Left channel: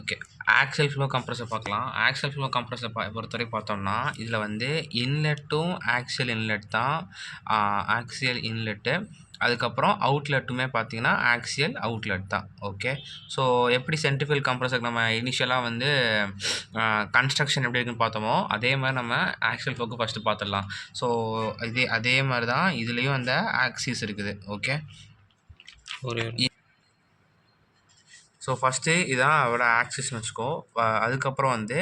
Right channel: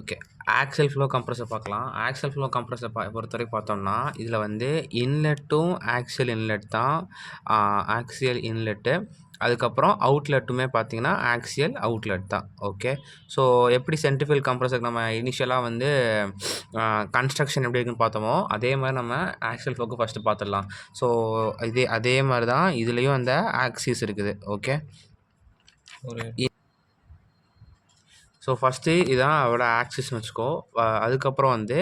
Okay. Axial flow compressor பார்க்கலாம். Axial flow compressor பொறுத்தவரைக்கும் பார்த்தோம்னா, இதில வந்து இன்லெட்டும் ஆக்சியல் இன்லெட் தான். Axial inlet. அதுக்கப்புறம் அவுட்லெட்டுமே பார்த்தீங்கன்னா, ஆக்சியல் அவுட்லெட் தான். ஓகே. ஸோ எப்படி சென்ட்ரிஃபியூகல் கம்ப்ரஸருக்கு நம்ம இனிஷியலா வந்து கன்ஸ்ட்ரக்ஷன் எப்படி இருக்குன்னு பார்த்தோமோ, அதே மாரி நம்ம ஆக்சியல் ஃப்ளோக்கு ஃபர்ஸ்ட்டு பார்த்துடலாம். ஸோ அதே மாரி தான் இதுலயும் அந்த ஆக்சிஸ் இருக்குது. ஓகே. ஒரு ஸோ ஃபஸ்ட்டு இதான் அதோட ஆக்சிஸ்னு வச்சுக்கோ. அதுக்கப்புறம் வந்து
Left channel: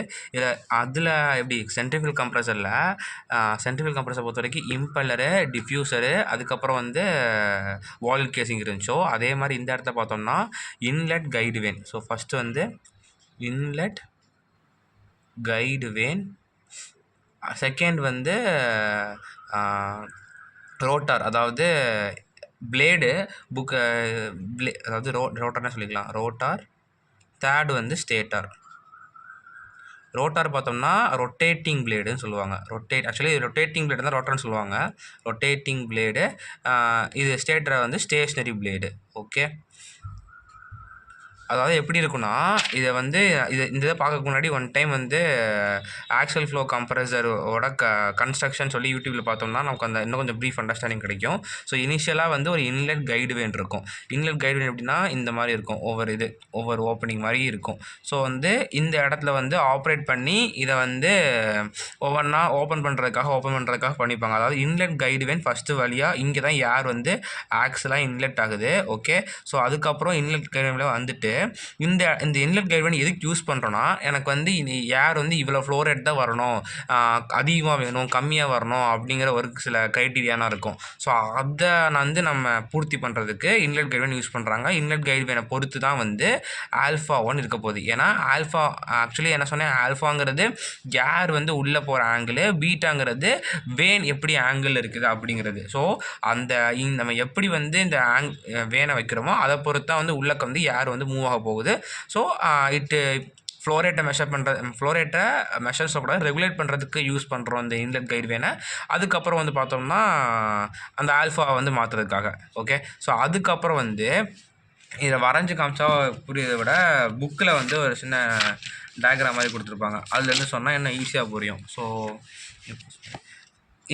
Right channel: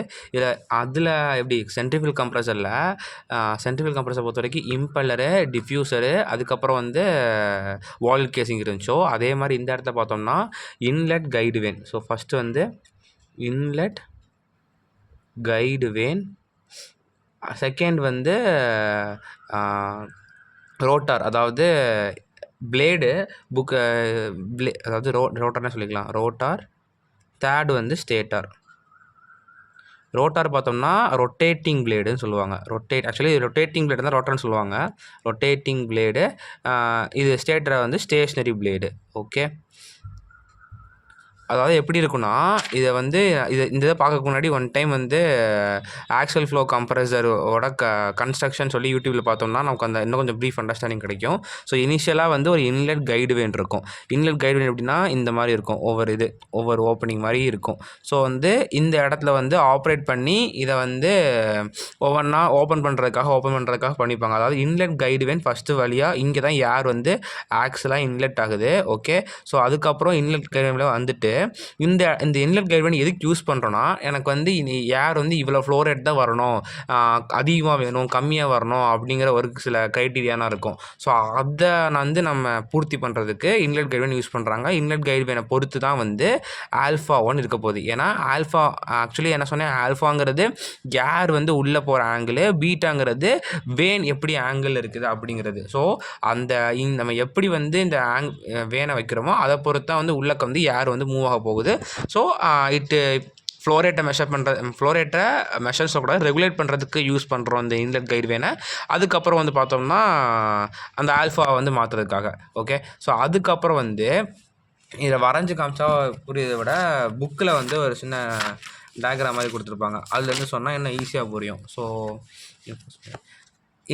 அதில் எப்படி சென்ட்ரிஃபியூகல் கம்ப்ரஸரில் சென்ட்ரிஃபியூகல் கம்ப்ரஸரை பொறுத்தவரைக்கும் இம்பெல்லரு, டிஃப்யூசரு, அதுக்கப்புறம் வந்து வால் கேசிங் இருந்துச்சோ, அதே மாதிரி இந்த இடத்துல பார்த்தோம்னா inlet guide van. So first வந்து இன்லெட் கைடு வேன். செகண்ட் வந்து ரோட்டார், அதாவது பிளேடு அதாவது ரோட்டார்னே சொல்லிக்கலாம். ரோட்டார். தேர்டு வந்து ஸ்டேட்டார். ரோட்டார் பார்த்தோம்னா ரொட்டேட்டிங் பிளேடுன்னு சொல்லுவாங்க. ஆக்சுவலி ரொட்டேட்டிங் பிளேடு தான் ரோட்டார்னு சொல்லுவாங்க. Rotating blade. இது ஸ்டேட்டரை வந்து ஸ்டேஷ்னரி பிளேடு. ஓகே. அதாவது எப்படி இருக்குன்னா, இதை வந்து இந்த இதை பார்க்கறதுக்கு முன்னாடி ஒன் டைம் வந்து ஆக்சியல் ஃப்ளோ கம்ப்ரஸரோட கன்ஸ்ட்ரக்ஷன் சொல்லி யூடியூப்பில் பார்த்தோம்னா நமக்கு அந்த இன்னும் கொஞ்சம் ப்ரீஃப் அண்டர்ஸ்டாண்டிங் கிடைக்கும். ஸோ இனிஷியலாக வந்து ஒரு இன்லெட் கைடு வேன் இருக்கும். இன்லெட் கைடு வேன் எப்படின்னா இந்த மாதிரி இருக்கும். ஒவ்வொரு ஓப்பனிங் மாதிரி இருக்கும். ஸோ வந்து இந்த இடத்துல வந்து ஆப்ரேட் பண்ணி இதை வந்து ஒவ்வொன்றா ஓப்பன் பண்ணுறதுக்காக பண்ணிப்பாங்க. அதாவது இன்லெட் கைடு வேன் ஃபஸ்ட்டு வழியாக இங்கே தான் ஏர் வந்து ஆக்சுவலாக இன்லெட் ஆகுது. ஓகே. ஸோ அதுக்கப்புறம் இன்லெட் கைடு வேனில் வந்துட்டு இந்த இன்லெட் கைடு வேன் எதுக்கு யூஸ் பண்ணுறோன்னா, எனக்கு வந்து ஏர் வந்து இவ்வளோ ஃப்ளோ ரேட் தான் வரணும், அதிகமாக வேணும், கம்மியாக வரணும் அப்படிங்கிற ஒரு சில க்ரைட்டீரியானா இருக்கும். ஸோ அதை வந்து நம்ம பூர்த்தி பண்ணுறதுக்கு இன்லெட் கைடு வேன் யூஸ் பண்ணுறாங்க. இன்லெட் கைடு வேனை பொறுத்து தான் வந்து ஆல்ஃபா 1 இருக்க போகுது. ஏன்னா ஆக்சுவலி என்ன சொன்னேன், ஆல்ஃபாங்கிறது ஏர் வந்து உள்ளே போகிற ஆங்கிள், பீட்டாங்கிறது வேன் எப்படி ஆங்கிள் இருக்குது அப்படிங்கிறது. ஸோ நம்ம எப்படி வந்து இந்த வேனை வைக்கிறோமோ அதை பொறுத்து தான் வந்து உள்ளக்க வந்து ஏர் வந்து மூவ் ஆக போகுது. ஸோ ஃப்ளோரேட்டை மெஷர்ஸ் கூட ரெகுலேட் பண்ணுறதுக்கு யூஸ் பண்ணுறோம் இந்த இன்லெட் கைடு வேனை. அதுக்கப்புறம் வந்து பார்த்தோம்னா அந்த ஆல்ஃபா வந்து மாற்றுறதுக்காக. ஓகே. ஸோ அதுக்கப்புறம் வந்து இதை வரைஞ்சி காமிச்சா புரியதை விட புக்கில் வந்து ஒரு சின்ன டயக்ராம் மாதிரி கொடுத்துருப்பாங்க. அதுலேருந்து சொன்னால் என்ன ஈஸியாக புரியும். ஸோ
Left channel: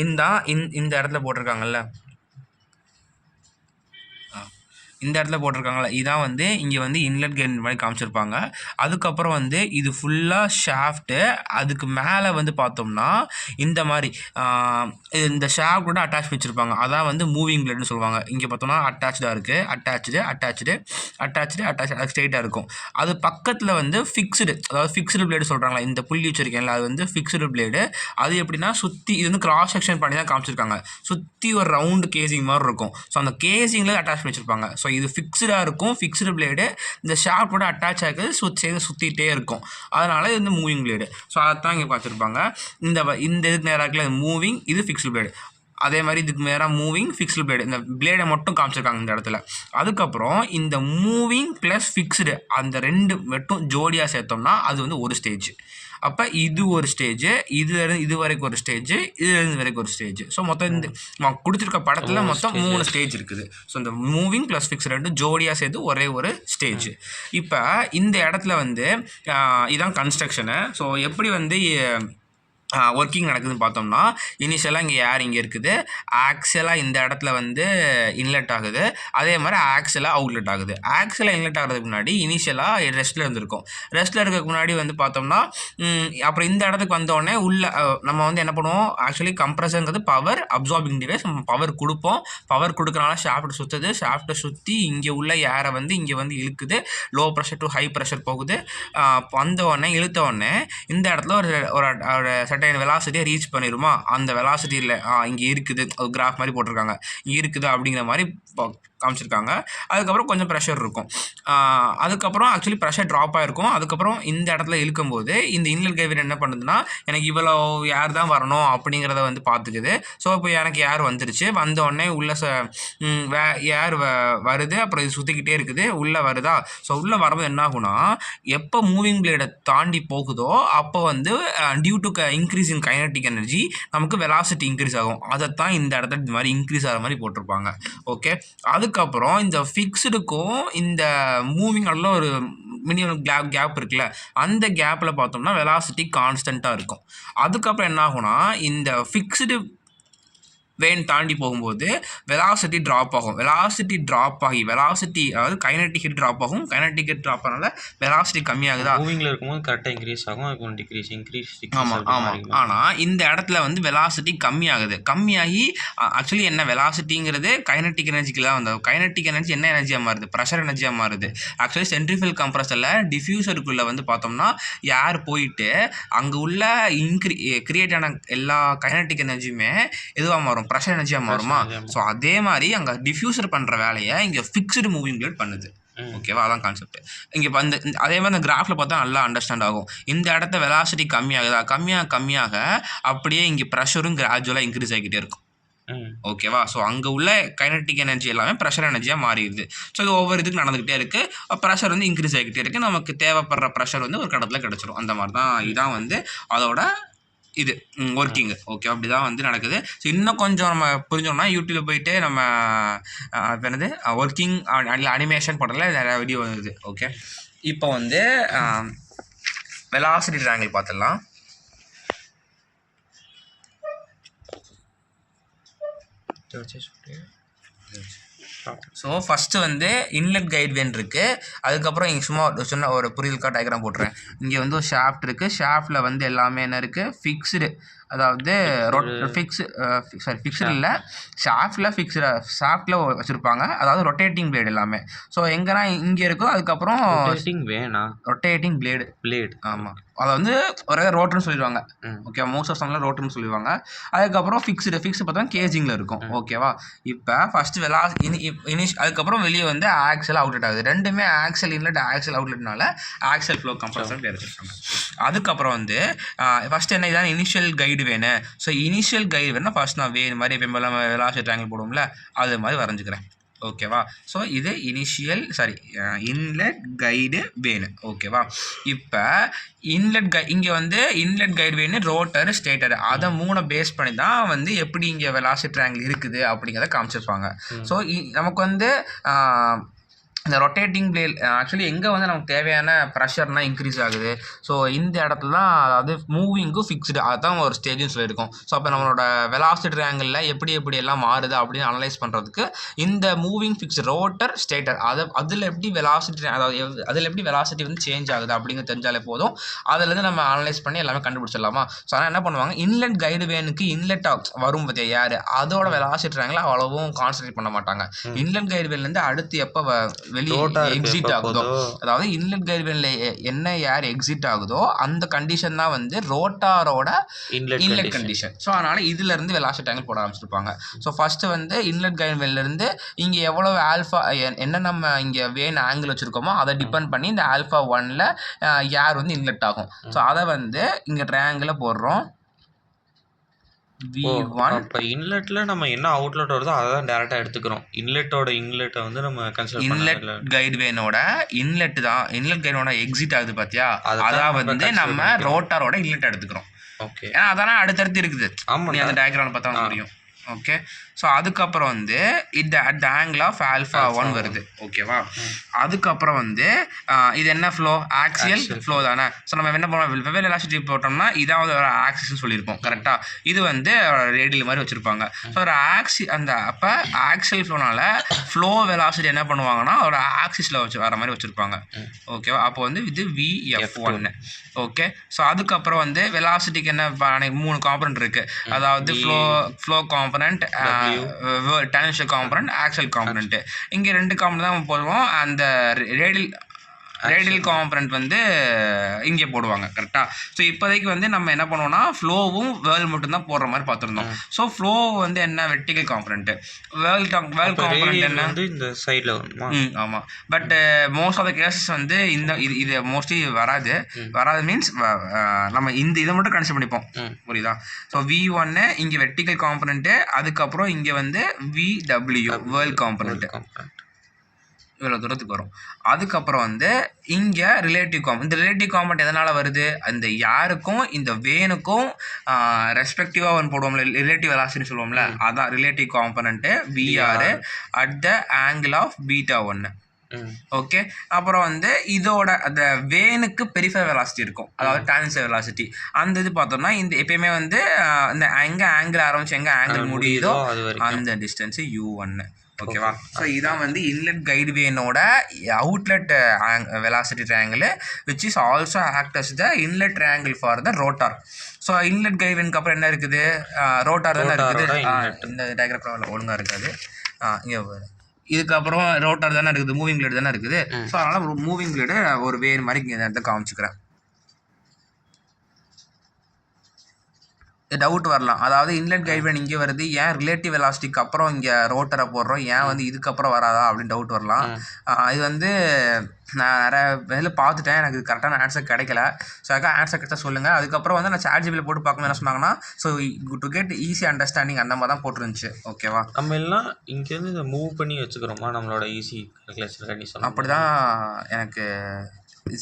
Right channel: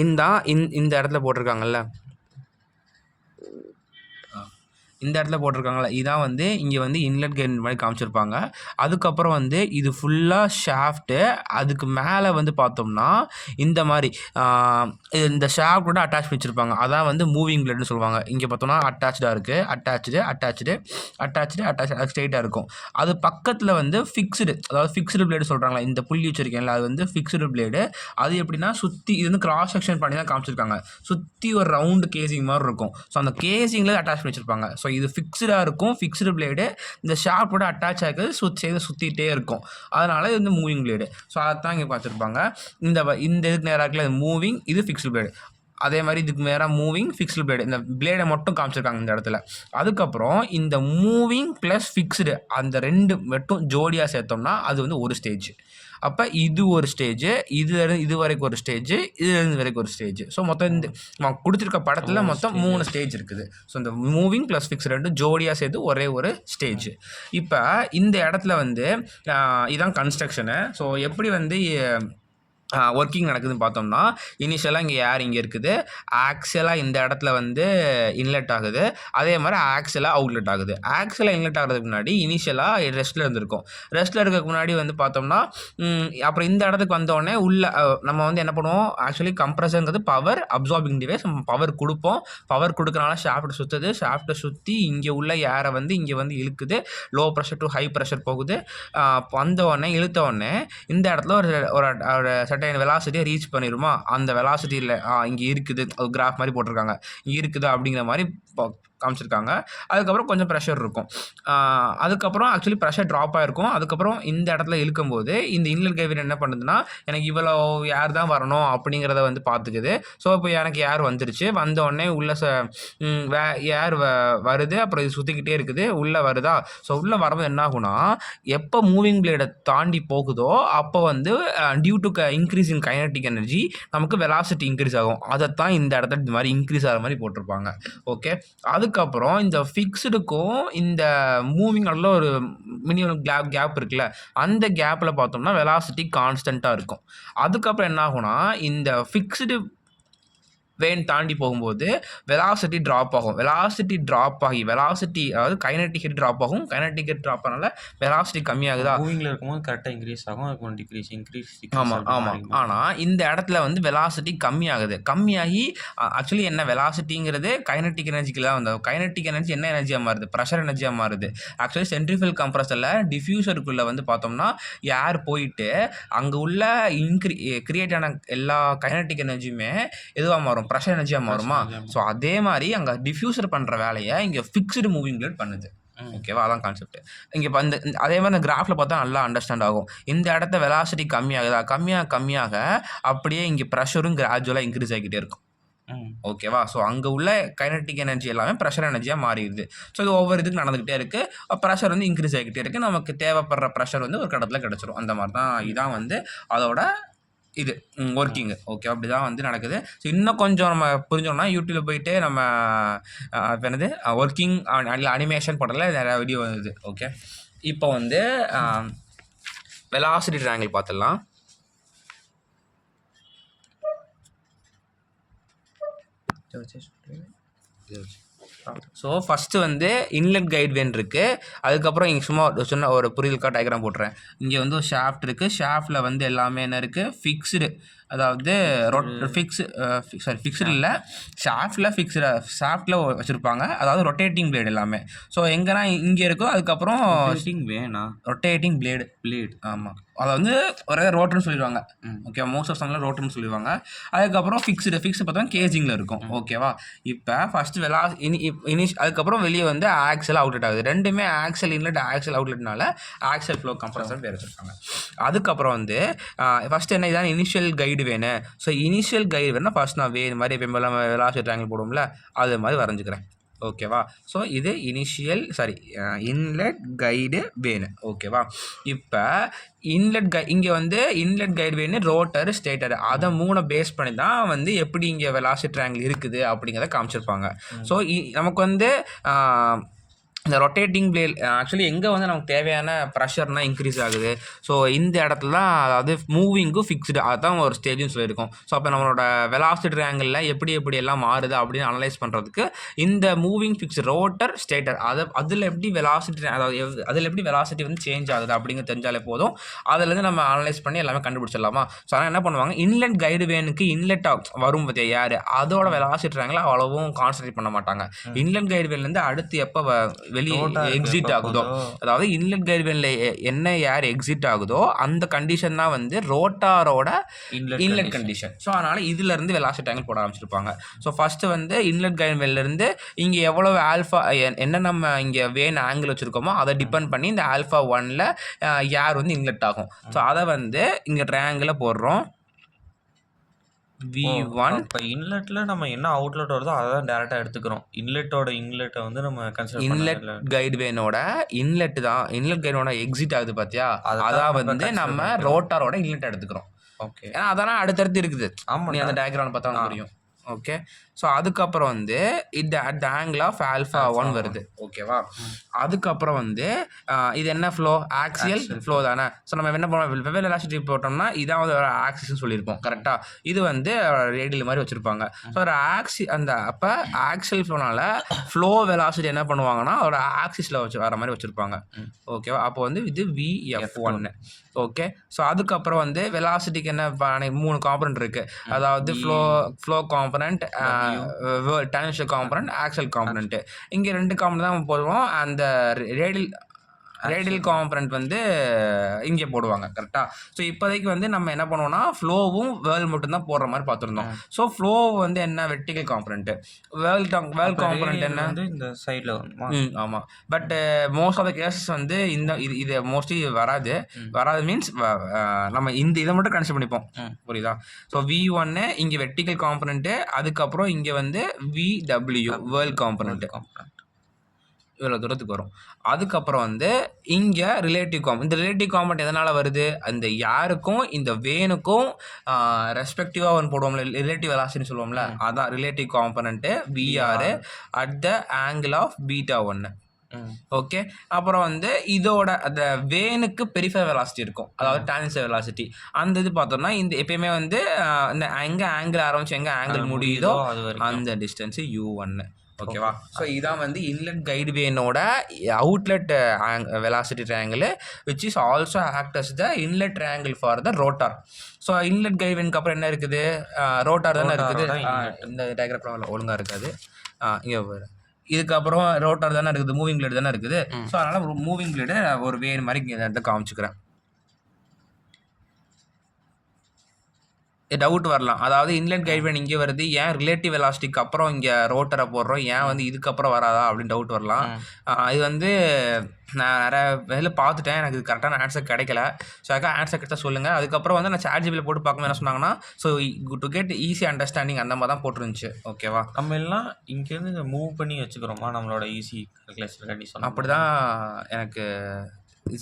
இந்த இடத்துல போட்டிருக்காங்கல்ல, இந்த இடத்துல போட்டிருக்காங்களா, இதான் வந்து இங்கே வந்து இன்லெட் கைடு மாதிரி காமிச்சிருப்பாங்க. அதுக்கப்புறம் வந்து இது ஃபுல்லாக ஷாஃப்ட்டு. அதுக்கு மேலே வந்து பார்த்தோம்னா இந்த மாதிரி இந்த ஷாஃப்டோட அட்டாச் வச்சுருப்பாங்க. அதான் வந்து மூவிங் பிளேட்னு சொல்லுவாங்க. இங்கே பார்த்தோம்னா அட்டாச்சாக இருக்குது. அட்டாச்சு ஸ்ட்ரெயிட்டாக இருக்கும். அது பக்கத்தில் வந்து ஃபிக்ஸ்டு பிளேடு சொல்கிறாங்களா, இந்த புள்ளி வச்சுருக்கேன்ல, அது வந்து ஃபிக்ஸ்டு பிளேடு. அது எப்படின்னா சுற்றி இது வந்து கிராஸ் செக்ஷன் பண்ணி தான் காமிச்சிருக்காங்க. சுற்றி ஒரு ரவுண்டு கேசிங் மாதிரி இருக்கும். ஸோ அந்த கேசிங்கில் அட்டாச் வச்சுருப்பாங்க. ஸோ இது ஃபிக்ஸ்டாக இருக்கும், ஃபிக்ஸ்டு பிளேடு. இந்த ஷாஃப்டோட அட்டாச் ஆகுது, சுற்றிகிட்டே இருக்கும். அதனால் இது வந்து மூவிங் பிளேடு. ஸோ அதைத்தான் இங்கே பார்த்துருப்பாங்க. இந்த இதுக்கு நேராக இருக்குல்ல மூவிங், இது ஃபிக்ஸ்டு பிளேடு. அதே மாதிரி இதுக்கு நேராக மூவிங், ஃபிக்ஸ்டு பிளேடு. இந்த பிளேடை மட்டும் காமிச்சிருக்காங்க இந்த இடத்துல. அதுக்கப்புறம் இந்த மூவிங் ப்ளஸ் ஃபிக்ஸ்டு அந்த ரெண்டு மட்டும் ஜோடியாக சேர்த்தோம்னா அது வந்து ஒரு ஸ்டேஜ். அப்போ இது ஒரு ஸ்டேஜு, இது வரைக்கும் ஒரு ஸ்டேஜு, இதுலேருந்து வரைக்கும் ஒரு ஸ்டேஜ். ஸோ மொத்தம் இந்த கொடுத்துருக்க படத்தில் மொத்தம் 3 ஸ்டேஜ் இருக்குது. ஸோ இந்த மூவிங் ப்ளஸ் ஃபிக்ஸ் ரெண்டு ஜோடியாக சேர்த்து ஒரே ஒரு ஸ்டேஜ். இப்போ இந்த இடத்துல வந்து இதான் கன்ஸ்ட்ரக்ஷனு. ஸோ எப்படி வந்து ஒர்க்கிங் நடக்குதுன்னு பார்த்தோம்னா, இனிஷியலாக இங்கே ஏர் இங்கே இருக்குது, ஆக்சுவலாக இந்த இடத்துல வந்து இன்லெட் ஆகுது, அதே மாதிரி ஆக்சுவலாக அவுட்லெட் ஆகுது. ஆக்சுவலாக இன்லெட் ஆகிறதுக்கு முன்னாடி இனிஷியலாக ரெஸ்ட்டில் இருந்திருக்கும். ரெஸ்ட்டில் இருக்கிறதுக்கு முன்னாடி வந்து பார்த்தோம்னா அப்புறம் இந்த இடத்துக்கு வந்தோடனே நம்ம வந்து என்ன பண்ணுவோம், ஆக்சுவலி கம்ப்ரஸருங்கிறது பவர் அப்சார்பிங் டிவைஸ். நம்ம பவர் கொடுப்போம். பவர் கொடுக்கறனால ஷாஃப்ட் சுற்றுது. ஷாஃப்ட்டை சுற்றி இங்கே உள்ள ஏரை வந்து இங்கே வந்து இழுக்குது. Low pressure to high pressure போகுது. இழுத்த உடனே இந்த இடத்துல ஒரு வெலாசிட்டியை ரீச் பண்ணிடுமா, அந்த வெலாசிட்டியில் இங்கே இருக்குது, ஒரு கிராஃப் மாதிரி போட்டிருக்காங்க, இங்கே இருக்குது அப்படிங்கிற மாதிரி காமிச்சிருக்காங்க. அதுக்கப்புறம் கொஞ்சம் ப்ரெஷர் இருக்கும். அதுக்கப்புறம் ஆக்சுவலி ப்ரெஷர் ட்ராப் ஆகிருக்கும். அதுக்கப்புறம் இந்த இடத்துல இழுக்கும்போது இந்த இன்லெட் கைடு வேன் என்ன பண்ணுதுன்னா, எனக்கு இவ்வளோ ஏர் தான் வரணும் அப்படிங்கிறத வந்து பார்த்துக்குது. ஸோ இப்போ எனக்கு ஏர் வந்துருச்சு. வந்தோடனே உள்ள ஏர் வருது. அப்புறம் இது சுற்றிக்கிட்டே இருக்குது, உள்ளே வருதா. ஸோ உள்ளே வரும்போது என்ன ஆகுனா, எப்போ மூவிங் பிளேடை தாண்டி போகுதோ அப்போ வந்து due to increase in kinetic energy நமக்கு வெலாசிட்டி இன்க்ரீஸ் ஆகும். அதைத்தான் இந்த இடத்துல இந்த மாதிரி இன்க்ரீஸ் ஆகிற மாதிரி போட்டிருப்பாங்க. ஓகே. அதுக்கப்புறம் இந்த ஃபிக்ஸ்டுக்கும் இந்த மூவிங் நல்ல ஒரு மினிமம் கேப் இருக்குல்ல, அந்த கேப்பில் பார்த்தோம்னா வெலாசிட்டி கான்ஸ்டண்ட்டாக இருக்கும். அதுக்கப்புறம் என்ன ஆகும்னா இந்த ஃபிக்ஸ்டு வேன் தாண்டி போகும்போது வெலாசிட்டி ட்ராப் ஆகும். வெலாசிட்டி ட்ராப் ஆகி அதாவது கைனடிக் ஹெட் ட்ராப் ஆகும். கைனடிக் ஹெட் ட்ராப் ஆனால வெலாசிட்டி கம்மியாகுதா? மூவிங்கில் இருக்கும்போது கரெக்டாக இன்க்ரீஸ் ஆகும், அதுக்கு இன்க்ரீஸ். ஆமாம். ஆனால் இந்த இடத்துல வந்து வெலாசிட்டி கம்மியாகுது. கம்மியாகி ஆக்சுவலி என்ன வெலாசிட்டிங்கிறது கைனடிக் எனர்ஜிக்கு தான் வந்து கைனடிக் எனர்ஜி என்ன எனர்ஜியாக மாறுது? ப்ரெஷர் எனர்ஜியாக மாறுது. ஆக்சுவலி சென்ட்ரிஃபியூகல் கம்ப்ரஸரில் டிஃப்யூசருக்குள்ளே வந்து பார்த்தோம்னா ஏர் போயிட்டு அங்கே உள்ள கிரியேட் ஆன எல்லா கைனடிக் எனர்ஜியுமே எதுவாக மாறும்? ப்ரெஷர் எனர்ஜியாக மாறுமா? ஸோ அதே மாதிரி அங்கே டிஃப்யூசர் பண்ணுற வேலையை இங்கே ஃபிக்ஸ்டு மூவிங் பிளேட் பண்ணுது. ஓகேவா? அதான் கான்செப்ட். இங்கே வந்து அதே மாதிரி இந்த கிராஃபில் பார்த்தா நல்லா அண்டர்ஸ்டாண்ட் ஆகும். இந்த இடத்த வெலாசிட்டி கம்மியாகுதா? கம்மியாக அப்படியே இங்கே ப்ரெஷரும் கிராஜுவலாக இன்க்ரீஸ் ஆகிக்கிட்டே இருக்கும். ஓகேவா? ஸோ அங்கே உள்ள கைனடிக் எனர்ஜி எல்லாமே ப்ரெஷர் எனர்ஜியாக மாறிடுது. ஸோ இது ஒவ்வொரு இதுக்கு நடந்துக்கிட்டே இருக்குது. ப்ரெஷர் வந்து இன்க்ரீஸ் ஆகிக்கிட்டே இருக்குது. நமக்கு தேவைப்படுற ப்ரெஷர் வந்து ஒரு கடத்தில் கிடச்சிரும். அந்த மாதிரி தான் இதான் வந்து அதோட இது ஒர்க்கிங்கு. ஓகே, அப்படி தான் வந்து நடக்குது. ஸோ இன்னும் கொஞ்சம் நம்ம புரிஞ்சோம்னா யூடியூப்ல போயிட்டு நம்ம என்னது ஒர்க்கிங் அனிமேஷன் போடல நிறையா வீடியோ வருது. ஓகே, இப்போ வந்து வெலாசிட்டி ட்ரையாங்கிள் பார்த்துடலாம். ஸோ ஃபஸ்ட்டு வந்து இன்லெட் கைட் வேன் இருக்குது. அதுக்கப்புறம் இங்கே சும்மா சொன்ன ஒரு புரிதலுக்காக டயக்ராம் போட்டுறேன். இங்கே வந்து ஒரு ஷாஃப்ட் இருக்குது. ஷாஃப்டில் வந்து எல்லாமே என்ன இருக்குது? ஃபிக்ஸ்டு, அதாவது ஃபிக்ஸ்டு இல்லை, ஷாஃப்டில் வச்சுருப்பாங்க. அதாவது ரொட்டேட்டிங் பிளேடு எல்லாமே. ஸோ எங்கன்னா இங்கே இருக்கும். அதுக்கப்புறம் ரொட்டேட்டிங் பிளேடு. ஆமாம், அதை வந்து ஒரே ரோட்டர்னு சொல்லிடுவாங்க. ஓகே, மோஸ்ட் ஆஃப் சம்மில் ரோட்டர்னு சொல்லிடுவாங்க. அதுக்கப்புறம் ஃபிக்ஸ்டு பார்த்தா கேஜிங்கில் இருக்கும். ஓகேவா? இப்போ ஃபஸ்ட்டு அதுக்கப்புறம் வெளியே வந்து ஆக்சல் அவுட்லெட் ஆகுது. ரெண்டுமே ஆக்சல் இன்லெட் ஆக்சல் அவுட்லெட்னால ஆக்சல் ஃப்ளோ கம்ப்ரஸர் பேர் வச்சுருக்காங்க. அதுக்கப்புறம் வந்து ஃபஸ்ட்டு என்ன இதான் இனிஷியல் கைடு வேணும். ஸோ இனிஷியல் கைடு வேணும்னா ஃபர்ஸ்ட் நான் வேணும் மாதிரி எப்போ வெலாசிட்டி ட்ரையாங்கிள் போடுவோம்ல, அது மாதிரி வரைஞ்சிக்கிறேன். ஓகேவா? ஸோ இது இன்லெட் கைடு வேணும். ஓகேவா? இப்போ இங்கே வந்து இன்லெட் கைடு வேணும், ரோட்டர், ஸ்டேட்டர், அதை 3 பேஸ் பண்ணி தான் வந்து எப்படி இங்கே வெலாசிட்டி ட்ரையாங்கிள் இருக்குது அப்படிங்கிறத காமிச்சிருப்பாங்க. ஸோ நமக்கு வந்து இந்த ரொட்டேட்டிங் பிளேட் ஆக்சுவலி எங்கே வந்து நமக்கு தேவையான ப்ரெஷர்னால் இன்க்ரீஸ் ஆகுது. ஸோ இந்த இடத்துல தான், அதாவது மூவிங்கும் ஃபிக்ஸ்டு, அதுதான் ஒரு ஸ்டேஜ்னு சொல்லியிருக்கோம். ஸோ அப்போ நம்மளோட வெலாசிட்டி ட்ரையாங்கிளில் எப்படி எல்லாம் மாறுது அப்படின்னு அனலைஸ் பண்ணுறதுக்கு இந்த மூவிங் ஃபிக்ஸ்டு ரோட்டர், ஸ்டேட்டர், அதில் எப்படி வெலாசிட்டி, அதாவது அதில் எப்படி வெலாசிட்டி வந்து சேஞ்ச் ஆகுது அப்படிங்கிறது தெரிஞ்சாலே போதும். அதிலேருந்து நம்ம அனலைஸ் பண்ணி எல்லாமே கண்டுபிடிச்சிடலாமா? ஸோ ஆனால் என்ன பண்ணுவாங்க, இன்லெட் கைடு வேனுக்கு இன்லெட் வரும் பார்த்தியா யார், அதோட வெலாசிட்டி ட்ரையாங்கிள் அவ்வளவும் கான்சன்ட்ரேட் பண்ண மாட்டாங்க. இன்லெட் கைடு வேன்லேருந்து அடுத்து எப்போ வெளியே எக்ஸிட் ஆகுதோ, அதாவது இன்லெட் கைடு வேன்ல என்ன ஏர் எக்ஸிட் ஆகுதோ அந்த கண்டிஷன் தான் வந்து ரோட்டாரோட இன்லெட் கண்டிஷன். ஸோ அதனால இதுல இருந்து வெலாசிட்டி ட்ரையாங்கிள் போட ஆரம்பிச்சிருப்பாங்க. ஸோ ஃபர்ஸ்ட் வந்து இன்லெட் கைடு வேன்ல இருந்து இங்க எவ்வளவு ஆல்ஃபா என்ன நம்ம இங்க வேன் ஆங்கிள் வச்சிருக்கோமோ அதை டிபெண்ட் பண்ணி இந்த ஆல்ஃபா 1ல ஏர் வந்து இன்லெட் ஆகும். ஸோ அதை வந்து இங்க ட்ரையாங்கிள போடுறோம். V1. இப்போ இன்லெட்டில் நம்ம என்ன அவுட்லெட் வருதோ அதை தான் டேரெக்டாக எடுத்துக்கிறோம். இன்லெட்டை வந்து நம்ம கன்சிடர் இன்லெட் கைடு வேனோட இன்லெட் தான், இன்லெட் கைடோட எக்ஸிட் ஆகுது பார்த்தியா, அதான் வந்து நம்ம ரோட்டாரோட இன்லெட் எடுத்துக்கிறோம். ஓகே, ஏன்னா அதெல்லாம் அடுத்தடுத்து இருக்குது. ஆமாம், நீ அந்த டயக்ராம் பார்த்தா தெரியும். ஓகே, ஸோ அதுக்கப்புறம் வந்து இந்த அட் ஆங்கிள் ஆஃப் ஆல்ஃபா 1 வருது. ஓகேவா? அதுக்கப்புறம் வந்து இது என்ன ஃப்ளோ? ஆக்சியல் ஃப்ளோ தானே. ஸோ நம்ம என்ன பண்ணுவோம், வெவ்வேறு வெலாசிட்டி போட்டோம்னா இதாவது ஒரு ஆக்சிஸ்ன்னு சொல்லியிருப்போம். கரெக்டாக? இது வந்து ரேடியல் மாதிரி வச்சுருப்பாங்க. ஸோ ஒரு அப்போ ஆக்சியல் ஃப்ளோனால ஃப்ளோ வெலாசிட்டி என்ன பண்ணுவாங்கன்னா ஒரு ஆக்சிஸில் வர மாதிரி வச்சுருப்பாங்க. ஓகேவா? அப்போ வந்து இது VF1. ஓகே, ஸோ அதுக்கப்புறம் வந்து வெலாசிட்டிக்கு என்ன 3 காம்பனண்ட் இருக்குது. அதாவது flow component, tangential component, axle component. இங்கே 2 காம்பனண்ட் தான் போடுவோம். அந்த ரேடியல் காம்பனண்ட் வந்து இங்கே போடுவாங்க. கரெக்டாக? ஸோ இப்போதைக்கு வந்து நம்ம என்ன பண்ணுவோம்னா ஃப்ளோவும் வேர்ல் மட்டும்தான் போடுற மாதிரி பார்த்துருந்தோம். ஸோ ஃப்ளோ வந்து என்ன, வெர்டிகல் காம்பனண்ட், வேர்ல் காம்பனண்ட் என்ன வந்து இந்த சைடில். ஆமாம், but most of the cases வந்து இது மோஸ்ட்லி வராது மீன்ஸ் நம்ம இதை மட்டும் கன்சிடர் பண்ணிப்போம். புரியுதா? ஸோ V1 இங்கே வெர்டிகல் காம்பனண்ட்டு, அதுக்கப்புறம் இங்கே வந்து VW வேர்ல் காம்பனண்ட். இவ்வளோ தூரத்துக்கு வரும். அதுக்கப்புறம் வந்து இங்கே ரிலேட்டிவ் இந்த ரிலேட்டிவ் காம்பனண்ட் எதனால் வருது, அந்த யாருக்கும் இந்த வேனுக்கும் ரெஸ்பெக்டிவாக ஒன்று போடுவோம்ல, ரிலேட்டிவ் வெலாசிட்டின்னு சொல்லுவோம்ல, அதான் relative component VR at the angle of beta 1. Okay. அப்புறம் வந்து இதோட அந்த வேனுக்கு பெரிஃபர் வெலாசிட்டி இருக்கும், அதாவது டான்ஜென்ஷியல் வெலாசிட்டி. அந்த இது பார்த்தோம்னா இந்த எப்பயுமே வந்து இந்த எங்கே ஆங்கிள் ஆரம்பிச்சு எங்கே ஆங்கிள் முடியுதோ அந்த டிஸ்டன்ஸு u1. ஓகேவா? ஸோ இதான் வந்து இன்லெட் கைடு வேனோட outlet velocity triangle which is also act as the inlet triangle for the rotor. So inlet guide வேனுக்கு அப்புறம் என்ன இருக்குது, ரோட்டார் தானே இருக்குது. இந்த டயக்ராம் ஒழுங்காக இருக்காது, இங்கே இதுக்கப்புறம் ரோட்டார் தானே இருக்குது, மூவிங் பிளேடு தானே இருக்குது. ஸோ அதனால் மூவிங் பிளேடு ஒரு வேறு மாதிரி இங்கே இடத்த காமிச்சுக்கிறேன். டவுட் வரலாம், அதாவது இன்லெட் கைட்வேன் இங்கே வருது, ஏன் ரிலேட்டிவ் வெலாசிட்டிக்கு அப்புறம் இங்கே ரோட்டரை போடுறோம், ஏன் வந்து இதுக்கப்புறம் வராதா அப்படின்னு டவுட் வரலாம். இது வந்து நான் நிறைய வேலை பார்த்துட்டேன், எனக்கு கரெக்டான ஆன்சர் கிடைக்கல. ஸோ அதுக்காக ஆன்சர் கிடைச்சா சொல்லுங்கள். அதுக்கப்புறம் வந்து நான் ChatGPT போட்டு பார்க்கும்போது என்ன சொன்னாங்கன்னா, so to get easy understanding அந்த மாதிரி தான் போட்டுருந்துச்சு. ஓகேவா? நம்ம எல்லாம் இங்கேருந்து இதை மூவ் பண்ணி வச்சுக்கிறோமா நம்மளோட ஈஸி கால்குலேஷன் சொன்னால்? அப்படி தான் எனக்கு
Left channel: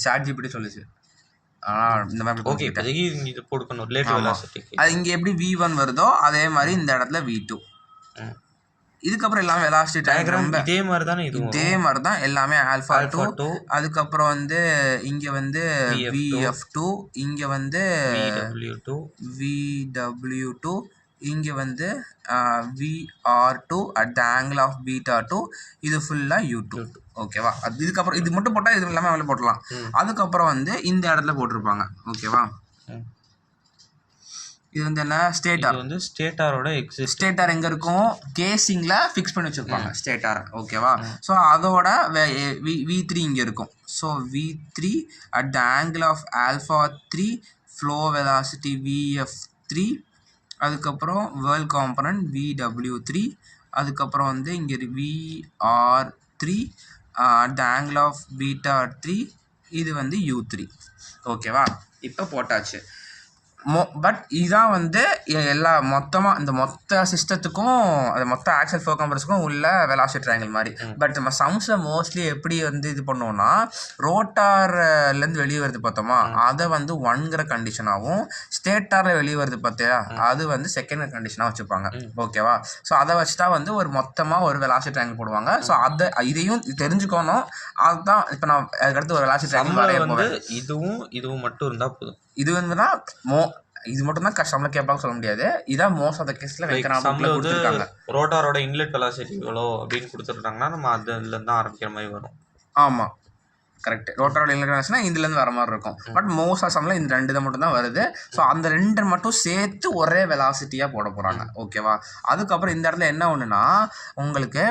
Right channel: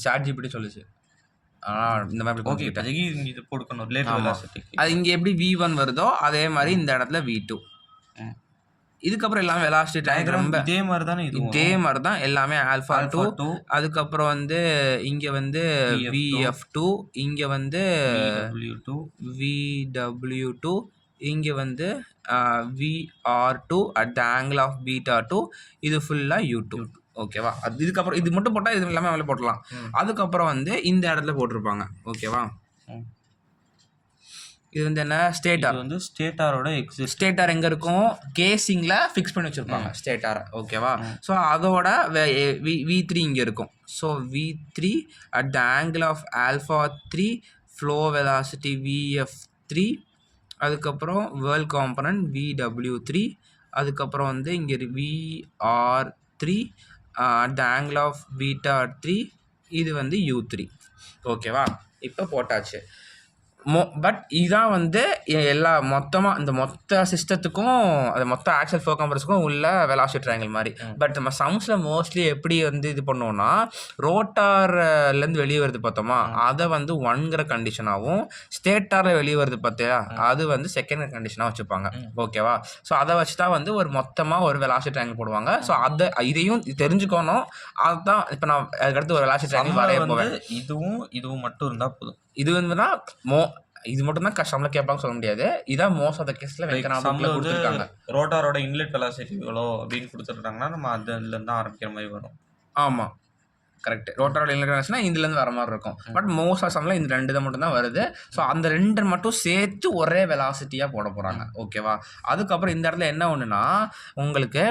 ChatGPT சொல்லுச்சு. இந்த மாதிரி ஓகே, இது போட்டுக்கணும் ரிலேட்டிவ் வெலாசிட்டிக்கு. அது இங்கே எப்படி v1 வருதோ அதே மாதிரி இந்த இடத்துல v2. இதுக்கப்புறம் எல்லாமே வெலாசிட்டி டயக்ராம் இதே மாதிரி தானே, இதே மாதிரி தான் எல்லாமே ஆல்ஃபா 2. அதுக்கப்புறம் வந்து இங்கே வந்து vf2, இங்கே வந்து vw2, இங்கே வந்து vr2 at the angle of beta 2. இது ஃபுல்லாக u2. ஓகேவா? அது இதுக்கப்புறம் இது மட்டும் போட்டால் இது எல்லாமே அதில் போட்டலாம். அதுக்கப்புறம் வந்து இந்த இடத்துல போட்டிருப்பாங்க. ஓகேவா? இது வந்து என்ன, ஸ்டேட்டார். வந்து ஸ்டேட்டாரோட ஸ்டேட்டார் எங்கே இருக்கும், கேசிங்கில் ஃபிக்ஸ் பண்ணி வச்சுருப்பாங்க ஸ்டேட்டாரை. ஓகேவா? ஸோ அதோட v3 இங்கே இருக்கும். So v3 at the angle of alpha 3, flow velocity vf3, அதுக்கப்புறம் வேர்ல்ட் காம்பனன்ட் vw3, அதுக்கப்புறம் வந்து இங்கே vr3 at the angle of beta 3, இது வந்து u3. ஓகேவா? இப்போ போட்டாச்சு. பட் இதான் வந்து எல்லா மொத்தமாக இந்த மொத்த சிஸ்டத்துக்கும் அது மொத்த ஆக்சல் ஃப்ளோ காம்பரஸுக்கும் உள்ள வெலாசிட்டி ட்ரையாங்கிள் மாதிரி. பட் நம்ம சம்ஸில் மோஸ்ட்லி எப்படி வந்து இது பண்ணோம்னா, ரோட்டார்லேருந்து வெளியே வருது பார்த்தோமா, அதை வந்து 1ங்கிற கண்டிஷனாகவும், ஸ்டேட்டாரில் வெளியே வருது பார்த்தியா அது வந்து செகண்ட் கண்டிஷனாக வச்சுப்பாங்க. ஓகேவா? ஸோ அதை வச்சு தான் வந்து ஒரு மொத்தமாக ஒரு வெலாசிட்டி ட்ரையாங்கிள் போடுவாங்க. ஸோ அதை இதையும் தெரிஞ்சுக்கணும். அதுதான் இப்போ நான் அதுக்கடுத்து ஒரு வெலாசிட்டி ட்ரையாங்கிள் வந்து இதுவும் மட்டும் இருந்தால் போதும். இது வந்து தான் இது மட்டும் தான் கஷ்டம்ல கேட்பாங்க சொல்ல முடியாது. இதான் மோஸ்ட் ஆஃப் த கேஸ்ல வைக்கிறாங்க. ரோட்டாரோட இன்லெட் வெலாசிட்டி எவ்வளோ அப்படின்னு கொடுத்துட்டாங்கன்னா நம்ம அதுலேருந்து தான் ஆரம்பிக்கிற மாதிரி வரும். ஆமாம், கரெக்ட். ரோட்டாரோட இன்லெட் வெலாசிட்டினா இதுலேருந்து வர மாதிரி இருக்கும். பட் மோஸ்ட் ஆஃப் சம்ல இந்த 2 மட்டும் தான் வருது. ஸோ அந்த 2 மட்டும் சேர்த்து ஒரே வெலாசிட்டியாக போட போகிறாங்க. ஓகேவா? அதுக்கப்புறம் இந்த இடத்துல என்ன ஒன்றுனா, உங்களுக்கு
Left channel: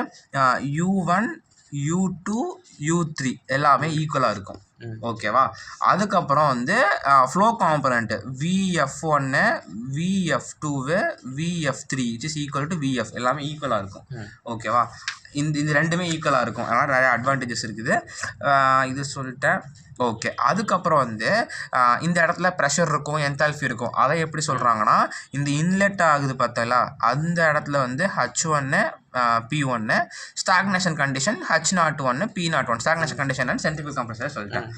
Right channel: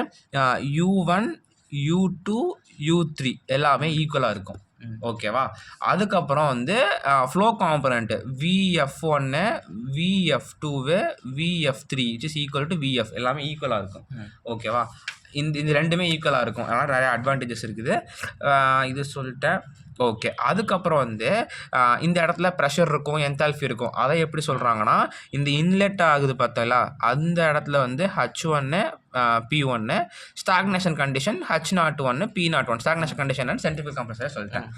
u1 u2 u3 எல்லாமே ஈக்குவலாக இருக்கும். ஓகேவா? அதுக்கப்புறம் வந்து flow component vf1 vf2 vf3 which is equal to vf எல்லாமே ஈக்குவலாக இருக்கும். ஓகேவா? இந்த ரெண்டுமே ஈக்குவலாக இருக்கும். அதனால் நிறைய அட்வான்டேஜஸ் இருக்குது. இது சொல்லிட்டேன். ஓகே. அதுக்கப்புறம் வந்து இந்த இடத்துல ப்ரெஷர் இருக்கும், என்தால்ஃபி இருக்கும். அதை எப்படி சொல்கிறாங்கன்னா, இந்த இன்லெட் ஆகுது பார்த்தீங்களா, அந்த இடத்துல வந்து h1 p1 stagnation condition, h01 p01 stagnation condition and centrifugal compression சொல்லிட்டேன்.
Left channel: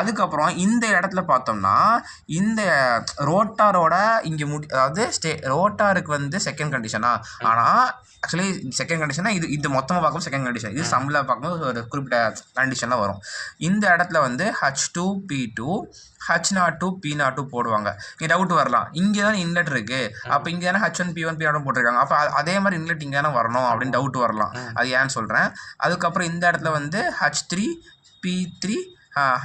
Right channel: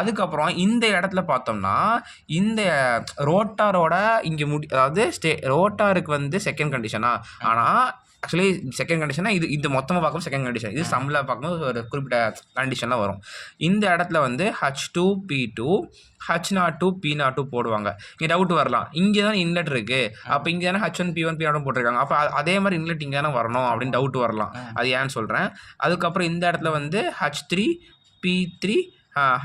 அதுக்கப்புறம் இந்த இடத்துல பார்த்தோம்னா இந்த ரோட்டாரோட இங்கே அதாவது ரோட்டாருக்கு வந்து செகண்ட் கண்டிஷனா, ஆனால் ஆக்சுவலி செகண்ட் கண்டிஷனா இது இந்த மொத்தமாக பார்க்கும் செகண்ட் கண்டிஷன். இது சம்மில் பார்க்கும்போது ஒரு குறிப்பிட்ட கண்டிஷன்லாம் வரும். இந்த இடத்துல வந்து h2 p2 h02 p02 போடுவாங்க. இங்கே டவுட் வரலாம், இங்கே தானே இன்லெட் இருக்குது, அப்போ இங்கே தானே h1 p1 p0 போட்டிருக்காங்க, அப்போ அதே மாதிரி இன்லெட் இங்கே தானே வரணும் அப்படின்னு டவுட் வரலாம். அது ஏன்னு சொல்கிறேன். அதுக்கப்புறம் இந்த இடத்துல வந்து h3 p3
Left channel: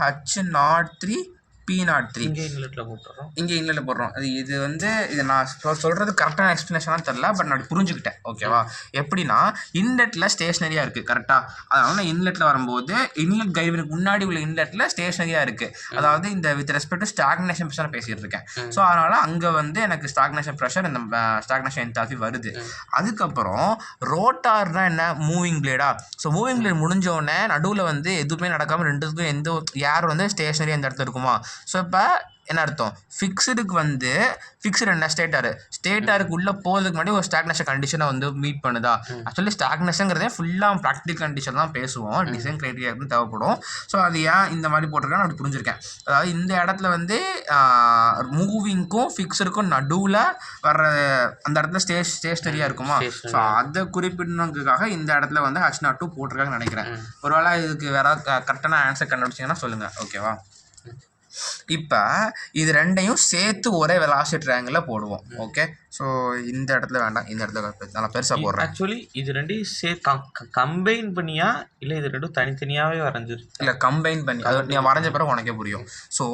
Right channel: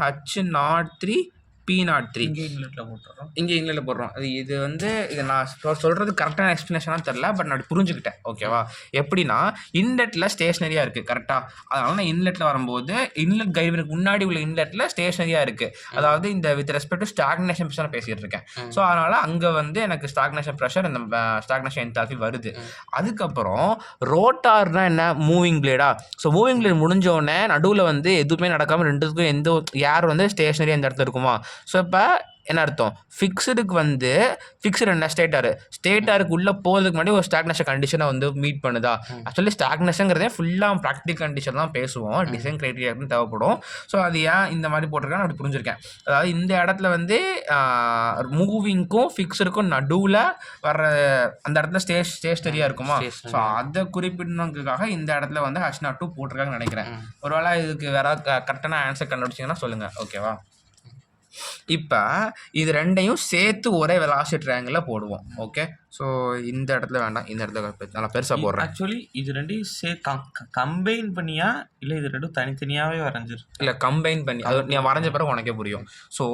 h03 p03 இங்கே இன்லெட்டில் போடுறோம். இது வந்து இது நான் சொல்கிறது கரெக்டான எக்ஸ்ப்ளனேஷனாக தெரில, பட் நான் புரிஞ்சுக்கிட்டேன். ஓகேவா? எப்படின்னா இன்லெட்டில் ஸ்டேஷ்னரியாக இருக்குது. கரெக்டாக? அதனால நான் இன்லெட்டில் வரும்போது இன்லெட் கைடுக்கு முன்னாடி உள்ள இன்லெட்டில் ஸ்டேஷ்னரியாக இருக்குது. அதாவது இந்த with respect to stagnation pressure பேசிகிட்டு இருக்கேன். ஸோ அதனால் அங்கே வந்து எனக்கு ஸ்டாக்னேஷன் ப்ரெஷர், இந்த ஸ்டாக்னேஷன் என்தால்பி வருது. அதுக்கப்புறம் ரோட்டார்னா என்ன, மூவிங் பிளேடா. ஸோ மூவிங் பிளேட் முடிஞ்சோடனே நடுவில் வந்து எதுவுமே நடக்காமல் ரெண்டுத்துக்கும் எந்த ஏர் வந்து ஸ்டேஷ்னரியாக இந்த இடத்துல இருக்குமா, ஸோ இப்போ என்ன அர்த்தம், ஃபிக்ஸடுக்கு வந்து ஃபிக்ஸடு என்ன ஸ்டேட்டாருக்கு உள்ளே போகிறதுக்கு முன்னாடி ஒரு ஸ்டாக்னேஷன் கண்டிஷனை வந்து மீட் பண்ணுதா. ஆக்சுவலி ஸ்டாக்னேஷனுங்கிறதே ஃபுல்லாக ப்ராக்டிகல் கண்டிஷன் தான் பேசுவோம், டிசைன் க்ரைட்டீரியாவுக்கு தேவைப்படும். ஸோ அது ஏன் இந்த மாதிரி போட்டிருக்கேன்னு அப்படி புரிஞ்சிருக்கேன். அதாவது இந்த இடத்துல வந்து மூவிங்க்கும் ஃபிக்ஸடுக்கும் நடுவில் வர்ற அந்த இடத்துல ஸ்டேஷனரியாக இருக்குமா, ஸோ அதை குறிப்பிடணுங்கிறதுக்காக இந்த இடத்துல வந்து H02 போட்டிருக்காங்கன்னு நினைக்கிறேன். ஒருவேளை இதுக்கு வேற கரெக்டான ஆன்சர் கண்டுபிடிச்சிங்கன்னா சொல்லுங்கள், ஓகேவா. இப்போ இது ரெண்டையும் சேர்த்து ஒரே வெலாசிட்டி ட்ரையாங்கிளில் போடுவோம். ஓகே, ஸோ இந்த இடத்துல வேண்டாம், இந்த இடத்துல நல்லா பெருசாக போடுறேன். ஆக்சுவலி இது ரெண்டையும் கம்பைன் பண்ணியா இல்லை இது ரெண்டும் தனித்தனியாகவே வரைஞ்சிரு? இல்லை, கம்பைன் பண்ணி அது நீ வரைஞ்ச பிறகு உனக்கே புரியும். ஸோ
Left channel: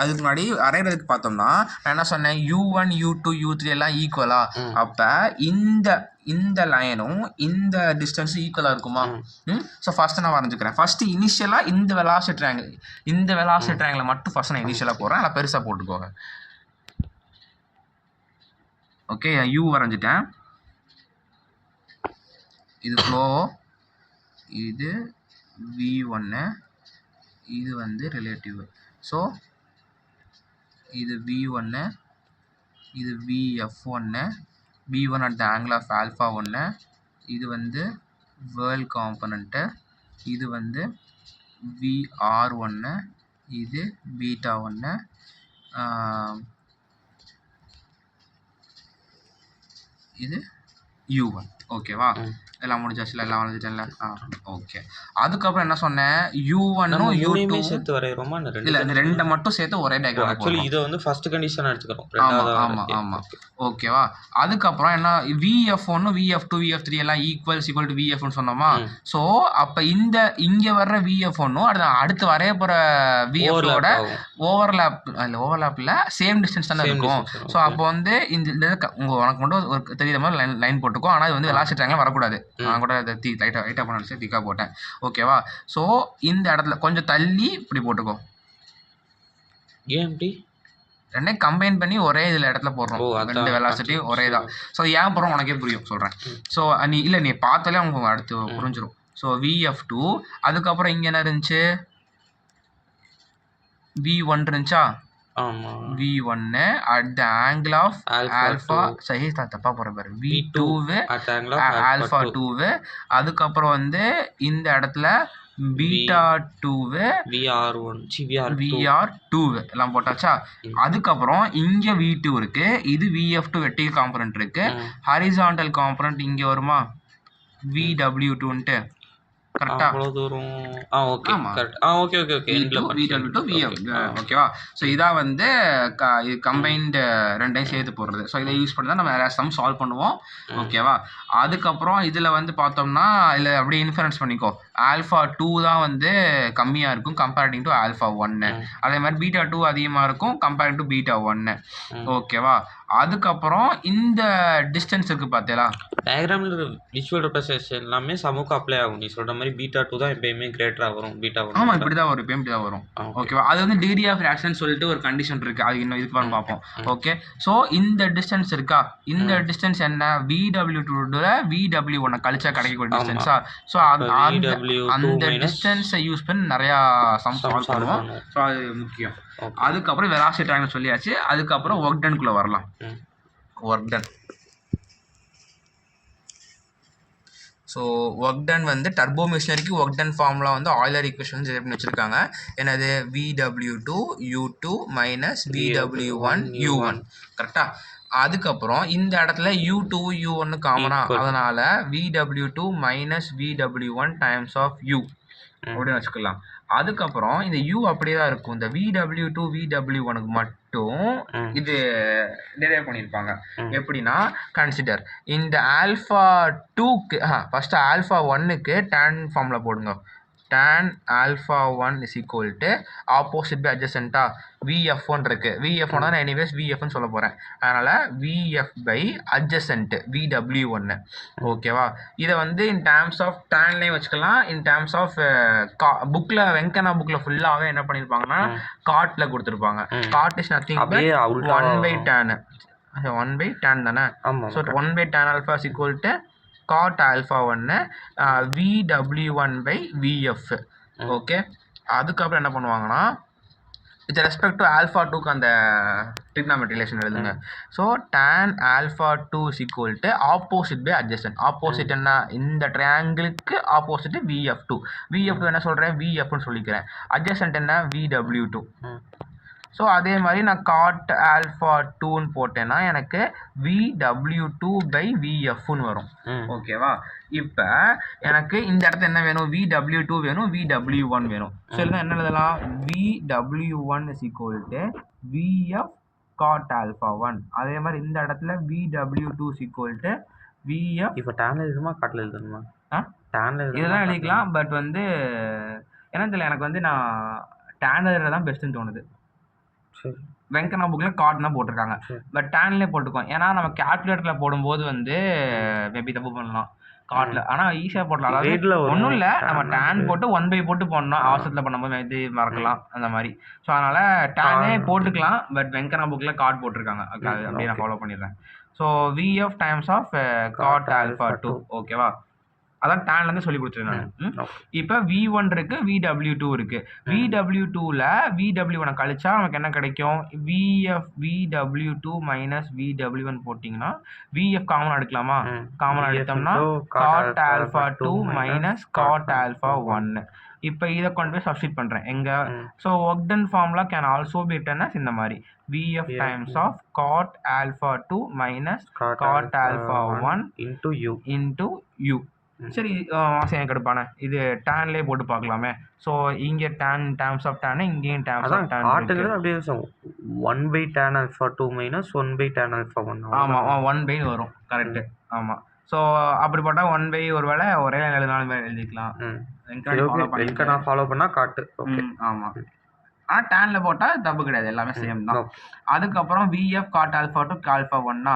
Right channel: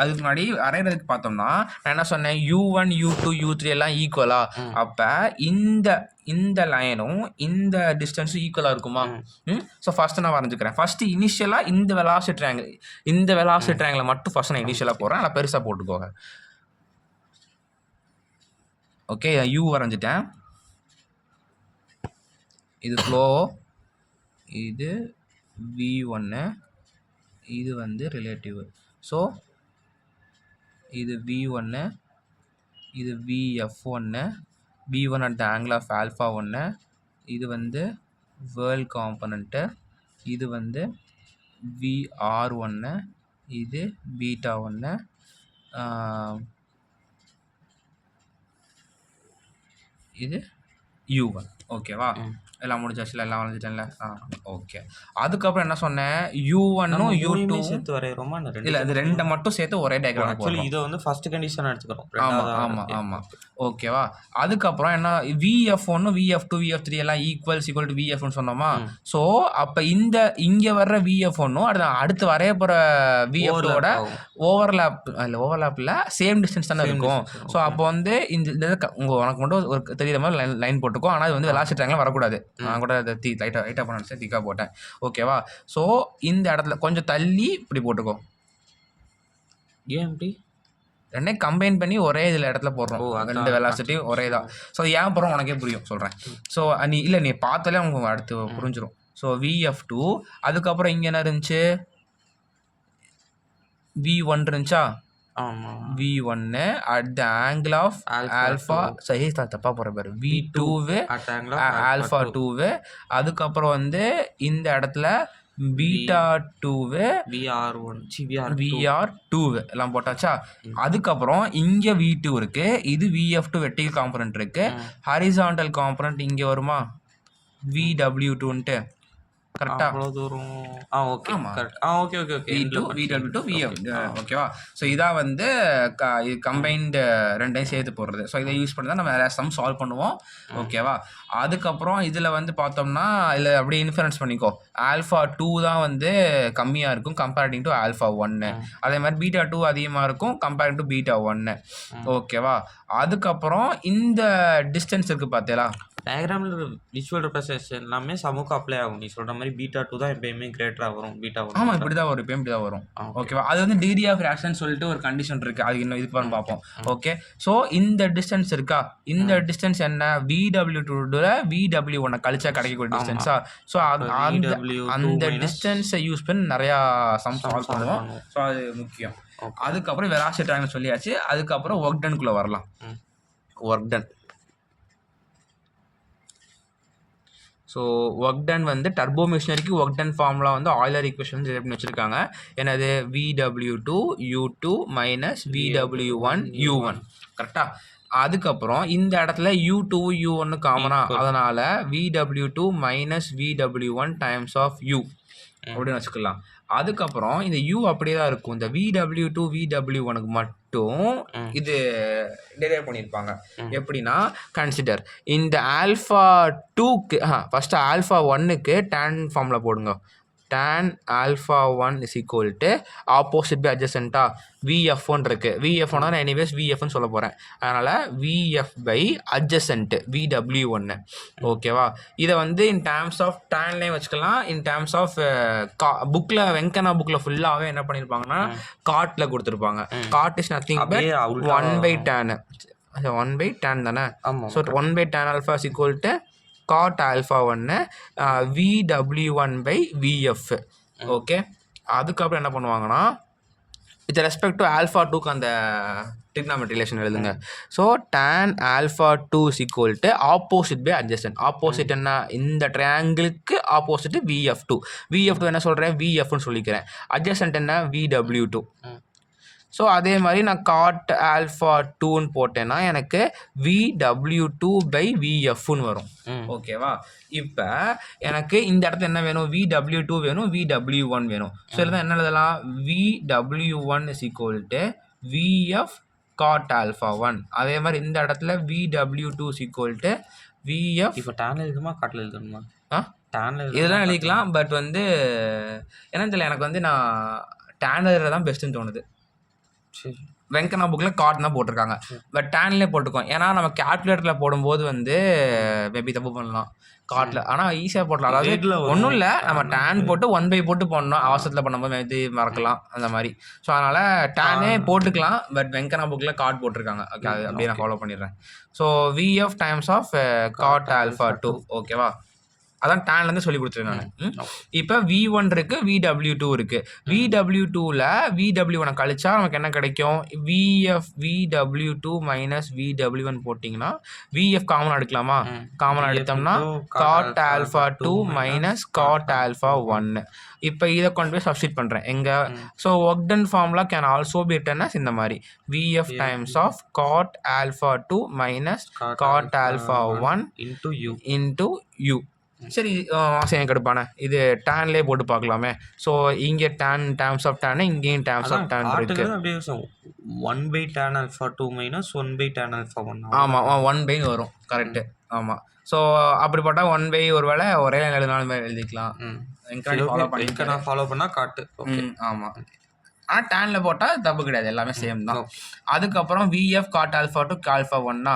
அதுக்கு முன்னாடி வரைகிறதுக்கு பார்த்தோம்னா நான் என்ன சொன்னேன், U1 U2 U3 எல்லாம் ஈக்குவலா. அப்போ இந்த லைனும் இந்த டிஸ்டன்ஸும் ஈக்குவலாக இருக்குமா. ஸோ ஃபஸ்ட்டு நான் வரைஞ்சிக்கிறேன். ஃபஸ்ட்டு இனிஷியலாக இந்த வெலாசிட்டி ட்ரையாங்கிளை மட்டும் ஃபஸ்ட்டு நான் இனிஷியலாக போடுறேன், நல்லா பெருசாக போட்டுக்கோங்க. ஓகே, யூ வரைஞ்சிட்டேன். இது ஃப்ளோ, இது V1, இது வந்து ரிலேட்டிவ். ஸோ இது V1, இது VF1, V1 at the angle of alpha 1, இது வந்து வேர்ல்ட் காம்பனண்ட்டு, இது வந்து VR1, இது பீட்டா 1, இது U1. ஓகேவா, எல்லாம் முடிஞ்சாச்சுல, எல்லாம் வரைஞ்சிட்டேன்ல. ஓகே, அதுக்கப்புறம் என்ன சொன்னேன், U1 U2 சேர்த்து வரைகிறோமா? இல்லை, இந்த ரெண்டை மட்டும் சேர்த்து ஒரே டயக்ராம். ஆக்சுவலி இதை வந்து ஃபர்ஸ்ட் கண்டிஷன் எடுத்துக்கிறோம். ஆமாம். ஓகேவா, அதுக்கப்புறம் என்ன, VF1 VF2 VF3 எல்லாம் ஈக்குவல் டு VF1 சொன்னோமா. ஸோ அப்போ இங்கே வர்ற VF1 அடுத்து வரைய போகிற VF-ஓட ஓவர்லேப்பில் சேம் டிஸ்டன்ஸ் தானே இருக்கும். ஸோ அப்போ வந்து இந்த உனக்கு மட்டும் ஒரு தெரியுற மாதிரி லைன் போட்டுக்கோ. ஆனால் இது வந்து வெலாசிட்டி ட்ரையாங்கிள் வரக்கூடாது. நான் கூட அதை லைட்டாக பண்ண திக்காக போட்டேன். ஓகேவா, ஸோ இந்த இடத்துல கொஞ்சம் தள்ளி இப்படி போட்டுக்கோ. ஏன் இப்படி ரெண்டையும் கம்பைன் பண்ணி ஒரே இதில் இடத்துல போடுறோம், ரெண்டு வெலாசிட்டி ஒரே தான். ஸோ ஏன் போகிறோம் உனக்கே புரியும், சொல்கிறேன். ஸோ நீ பார்த்தாலே அவங்க அடுத்து புரிஞ்சிடும். ஸோ VF2, அதுக்கப்புறம் இங்கே என்ன இருந்துச்சு, V1 இருந்துச்சா. V1 at the angle of alpha, சரி தப்பா போற பாரு, V2 alpha 2, அதுக்கப்புறம் வந்து இந்த இடத்துல பீட்டா 2 VR2 எல்லாம் போட்டாச்சா. அதுக்கப்புறம் இங்க V2 இருக்கு, இது VF2 வெர்டிகல் காம்பனன்ட் இருக்கு, ஹரிசாண்டல் காம்பனன்ட் இங்க வருமா VW2ன்ட்டு. கரெக்டா, அவ்வளவு தூரம். Okay correct. Okay VW2 VF. ஓகேவா, ஸோ இதான் வந்து கம்பைன்டு ரெண்டையும் சேர்த்து போடுறது. ஸோ இதை யூஸ் பண்ணி தான் நம்ம நிறையா சம் சால்வ் பண்ணுவோம். ஓகேவா, அதுக்கப்புறம் இதில் வந்து பார்த்தோம்னா இல்லை அப்படியே இன்ஃபரன்ஸ் பண்ணிக்கோ, ஆல்ஃபா 2 தான் வந்து கம்மியாக இருக்கும் கம்பேரிட்டிங் டு ஆல்ஃபா 1. அதே மாதிரி பீட்டா 2 அதிகமாக இருக்கும் கம்பேரிங் டு பீட்டா 1. ஓகேவா, அதுக்கப்புறம் இந்த டிஸ்டன்ஸ் இருக்குது பார்த்தீங்களா, டயக்ராமில் விசுவல் ரெப்ரசன்டேஷன் எல்லாமே சமூக அப்ளை ஆகும். நீ சொல்கிற மாதிரி பீட்டா 2 தான் எப்பயுமே கிரேட்டராக வரும், பீட்டா 1. ஆமாம், இப்படி தான் வரும், எப்பயும் இப்படி தான் வரும். ஓகேவா, அது வந்து டிகிரி ஆஃப் ரியாக்ஷன் சொல்லிட்டு ஒரு கண்டிஷன் இருக்குது, அது இன்னும் இதுக்கு அப்புறம் பார்ப்போம். ஓகே, ஸோ இந்த டிஸ்டன்ஸ் இருக்கா, இந்த டிஸ்டன்ஸ் என்ன, VW2 VW1 கழிச்சா கிடைக்கக்கூடிய டிஸ்டன்ஸா. ஸோ அந்த டிஸ்டன்ஸை யூஸ் பண்ணி நிறையா சம் சால்வ் பண்ணுவோம். ஸோ அது முக்கியம். அதுக்கப்புறம் வெலாசிட்டி ட்ரையாங்கிள் சொல்லியாச்சு. அதுக்கப்புறம் ஒர்க் டன்குள்ளே வரலாம். Work done, so work ton வந்து டர்போ மிஷினரிக்கு ஒர்க் டன் ஃபார்முலா வந்து ஆயிலர் ஈக்குவேஷன் பண்ணி வச்சுருக்காங்க. என்னது, VW2 U2 minus VW1 U1. கரெக்டாக, அதுக்கப்புறம் இந்த இடத்துல U2 U1 காமனா, அதனால் VW2 minus VW1 times of U அப்படின்னு வச்சுக்கலாம். அதுக்கப்புறம் இந்த U அப்படியே தான் இருக்கும், இந்த VW2 VW1 மட்டும் இது டிரைவ் பண்ணியிருப்பாங்க. எப்படின்னா, கன்சிடர் இந்த ஆல்ஃபா 2க்கு ஃபஸ்ட்டு ஆல்ஃபா 1க்கு டேன் ஃபார்மில் போடுங்க. tan alpha 1 is equal to opposite by adjacent VF1 இருக்கு. VF1 தான் எனிவேஸ் VFன்னு சொல்ல போகிறேன், அதனால் VF by adjacent VW1. ஓகேவா, இதை வந்து இன் டேர்ம்ஸ் ஆஃப் டேன்லேயும் வச்சுக்கலாம், இன் டேர்ம்ஸ் ஆஃப் புக்கில் வெங்கனா புக்கில் ஃபுல்லாகவே என்ன பண்ணியிருப்பாங்கன்னா காட்டில் கொடுத்துருப்பாங்க. God is nothing but 1/tan. 1/tan தானே. So 1/tan alpha is equal to cot alpha 1 VW1 by VF. Okay, அதுக்கப்புறம் என்ன பண்ணுவாங்கன்னா வித் ரெஸ்பெக்ட் டு ஆல்ஃபா டூக்கு அந்த ட்ரிக்னாமெட்ரி ரிலேஷன் எழுதுங்க. So tan alpha two is equal to opposite by adjacent. Opposite என்ன, இந்த ட்ரையாங்கிளுக்கு opposite VF two. VF two என்ன சொல்கிறேன், விஎஃப்னு சொல்லிக்கிறேன். அட்ஜசன்ட் என்ன, விடபிள்யூ டூ. ஸோ அதே மாதிரி நான் காட் ஆல்ஃபா டூன்னு போட்டேன்னா எனக்கு விடபிள்யூ டூ பை விஎஃப்னு வரும். ஓகேவா? இப்போ எனக்கு இந்த இடத்துல என்ன வேணும், விடபிள்யூ டூ வேணும், விடபிள்யூ ஒன் வேணும். ஸோ இதுதான் என்ன எழுதலாம், VW one is equal to VF cot alpha one. அதே மாதிரி இந்த இடத்துல VW two is equal to VF. இப்போ டேன்ல எழுதுமா காட்டில் எழுதணுமா? டேன்ல இதெல்லாம் எழுதிக்கலாம். பட் வந்து என்ன தெரியல, எனக்கு வந்து நான் டேன் எழுதுறது தான் பெஸ்ட்டுன்னு தோணுது. சரி, வெங்கனா புக்கில் கார்டு தான் போட்டிருக்காங்க. பட் டேன்லேயே போட்டுக்கோம். ஏன்னா நம்ம கேல்குலேட்டரில் போடும்போது வந்து மேபி தப்பு பண்ணலாம் கார்டில். ஆனால் ஈஸியாக போடலாம். அதாவது ஒன்றும் இல்லை, நம்ம டேன் போட்டு 1/, போட்டு போடணும். அவசரத்தில் பண்ணும்போது இது மறக்கலாம் அந்த மாதிரி. ஸோ அதனால் டேனே போட்டுக்கலாம். பட் வெங்கனா புக்கில் கார்டு போட்டிருக்காங்க. ஓகே, அது அப்படியே நான் ஃபாலோ பண்ணிடுறேன். So VF times of cot alpha two. ஓகேவா? அதான் டேன்லேருந்து சொல்லி கொடுத்துருக்காங்க. இப்போ V1 இருக்கு, VW2 இருக்கு. VW2ல VW1 கழிச்சா நமக்கு என்ன கிடைக்கும், VW2 மைனஸ் VW1 போட்டிங்கன்னா VF காமன் எடுக்கலாமா? காமன் எடுத்தோம்னா cot alpha two minus cot alpha one. இப்போ இதை கொண்டு போய் சப்ஸ்டிட் பண்ணுறேன் எங்க. So work done formula can also be written as இந்த மாதிரி VF times of cot alpha two minus cot alpha one into U. சரி, சரி கடுப்பானே, இது டேன்லேயே போட்டு பார்க்கலாமே. ஸோ இங்கே டேன் டேர்ம்ஸ் ஆஃப் டேன், இங்கேயும் டேர்ம்ஸ் ஆஃப் டேன் இருக்கு. அப்படியே 1/tan alpha 2 minus 1/tan alpha 1. ஆமாம், 1/ன்னு வரும். கரெக்டு. ஆமாம். ஸோ அப்படி போட்டால் 1/, ஒரு வேளை ஒரே லைன் எழுதினாலும் எழுதிக்கலாம். நான் ஃபாலோ பண்ணால் காட்டு. ஓகே, ஆமாம். ஆனால் டேனில் போட்டால் தப்பு கிடையாது, எல்லாமே சேம் தான். அதுக்கப்புறம் VF cot alpha two alpha ஒன்னா.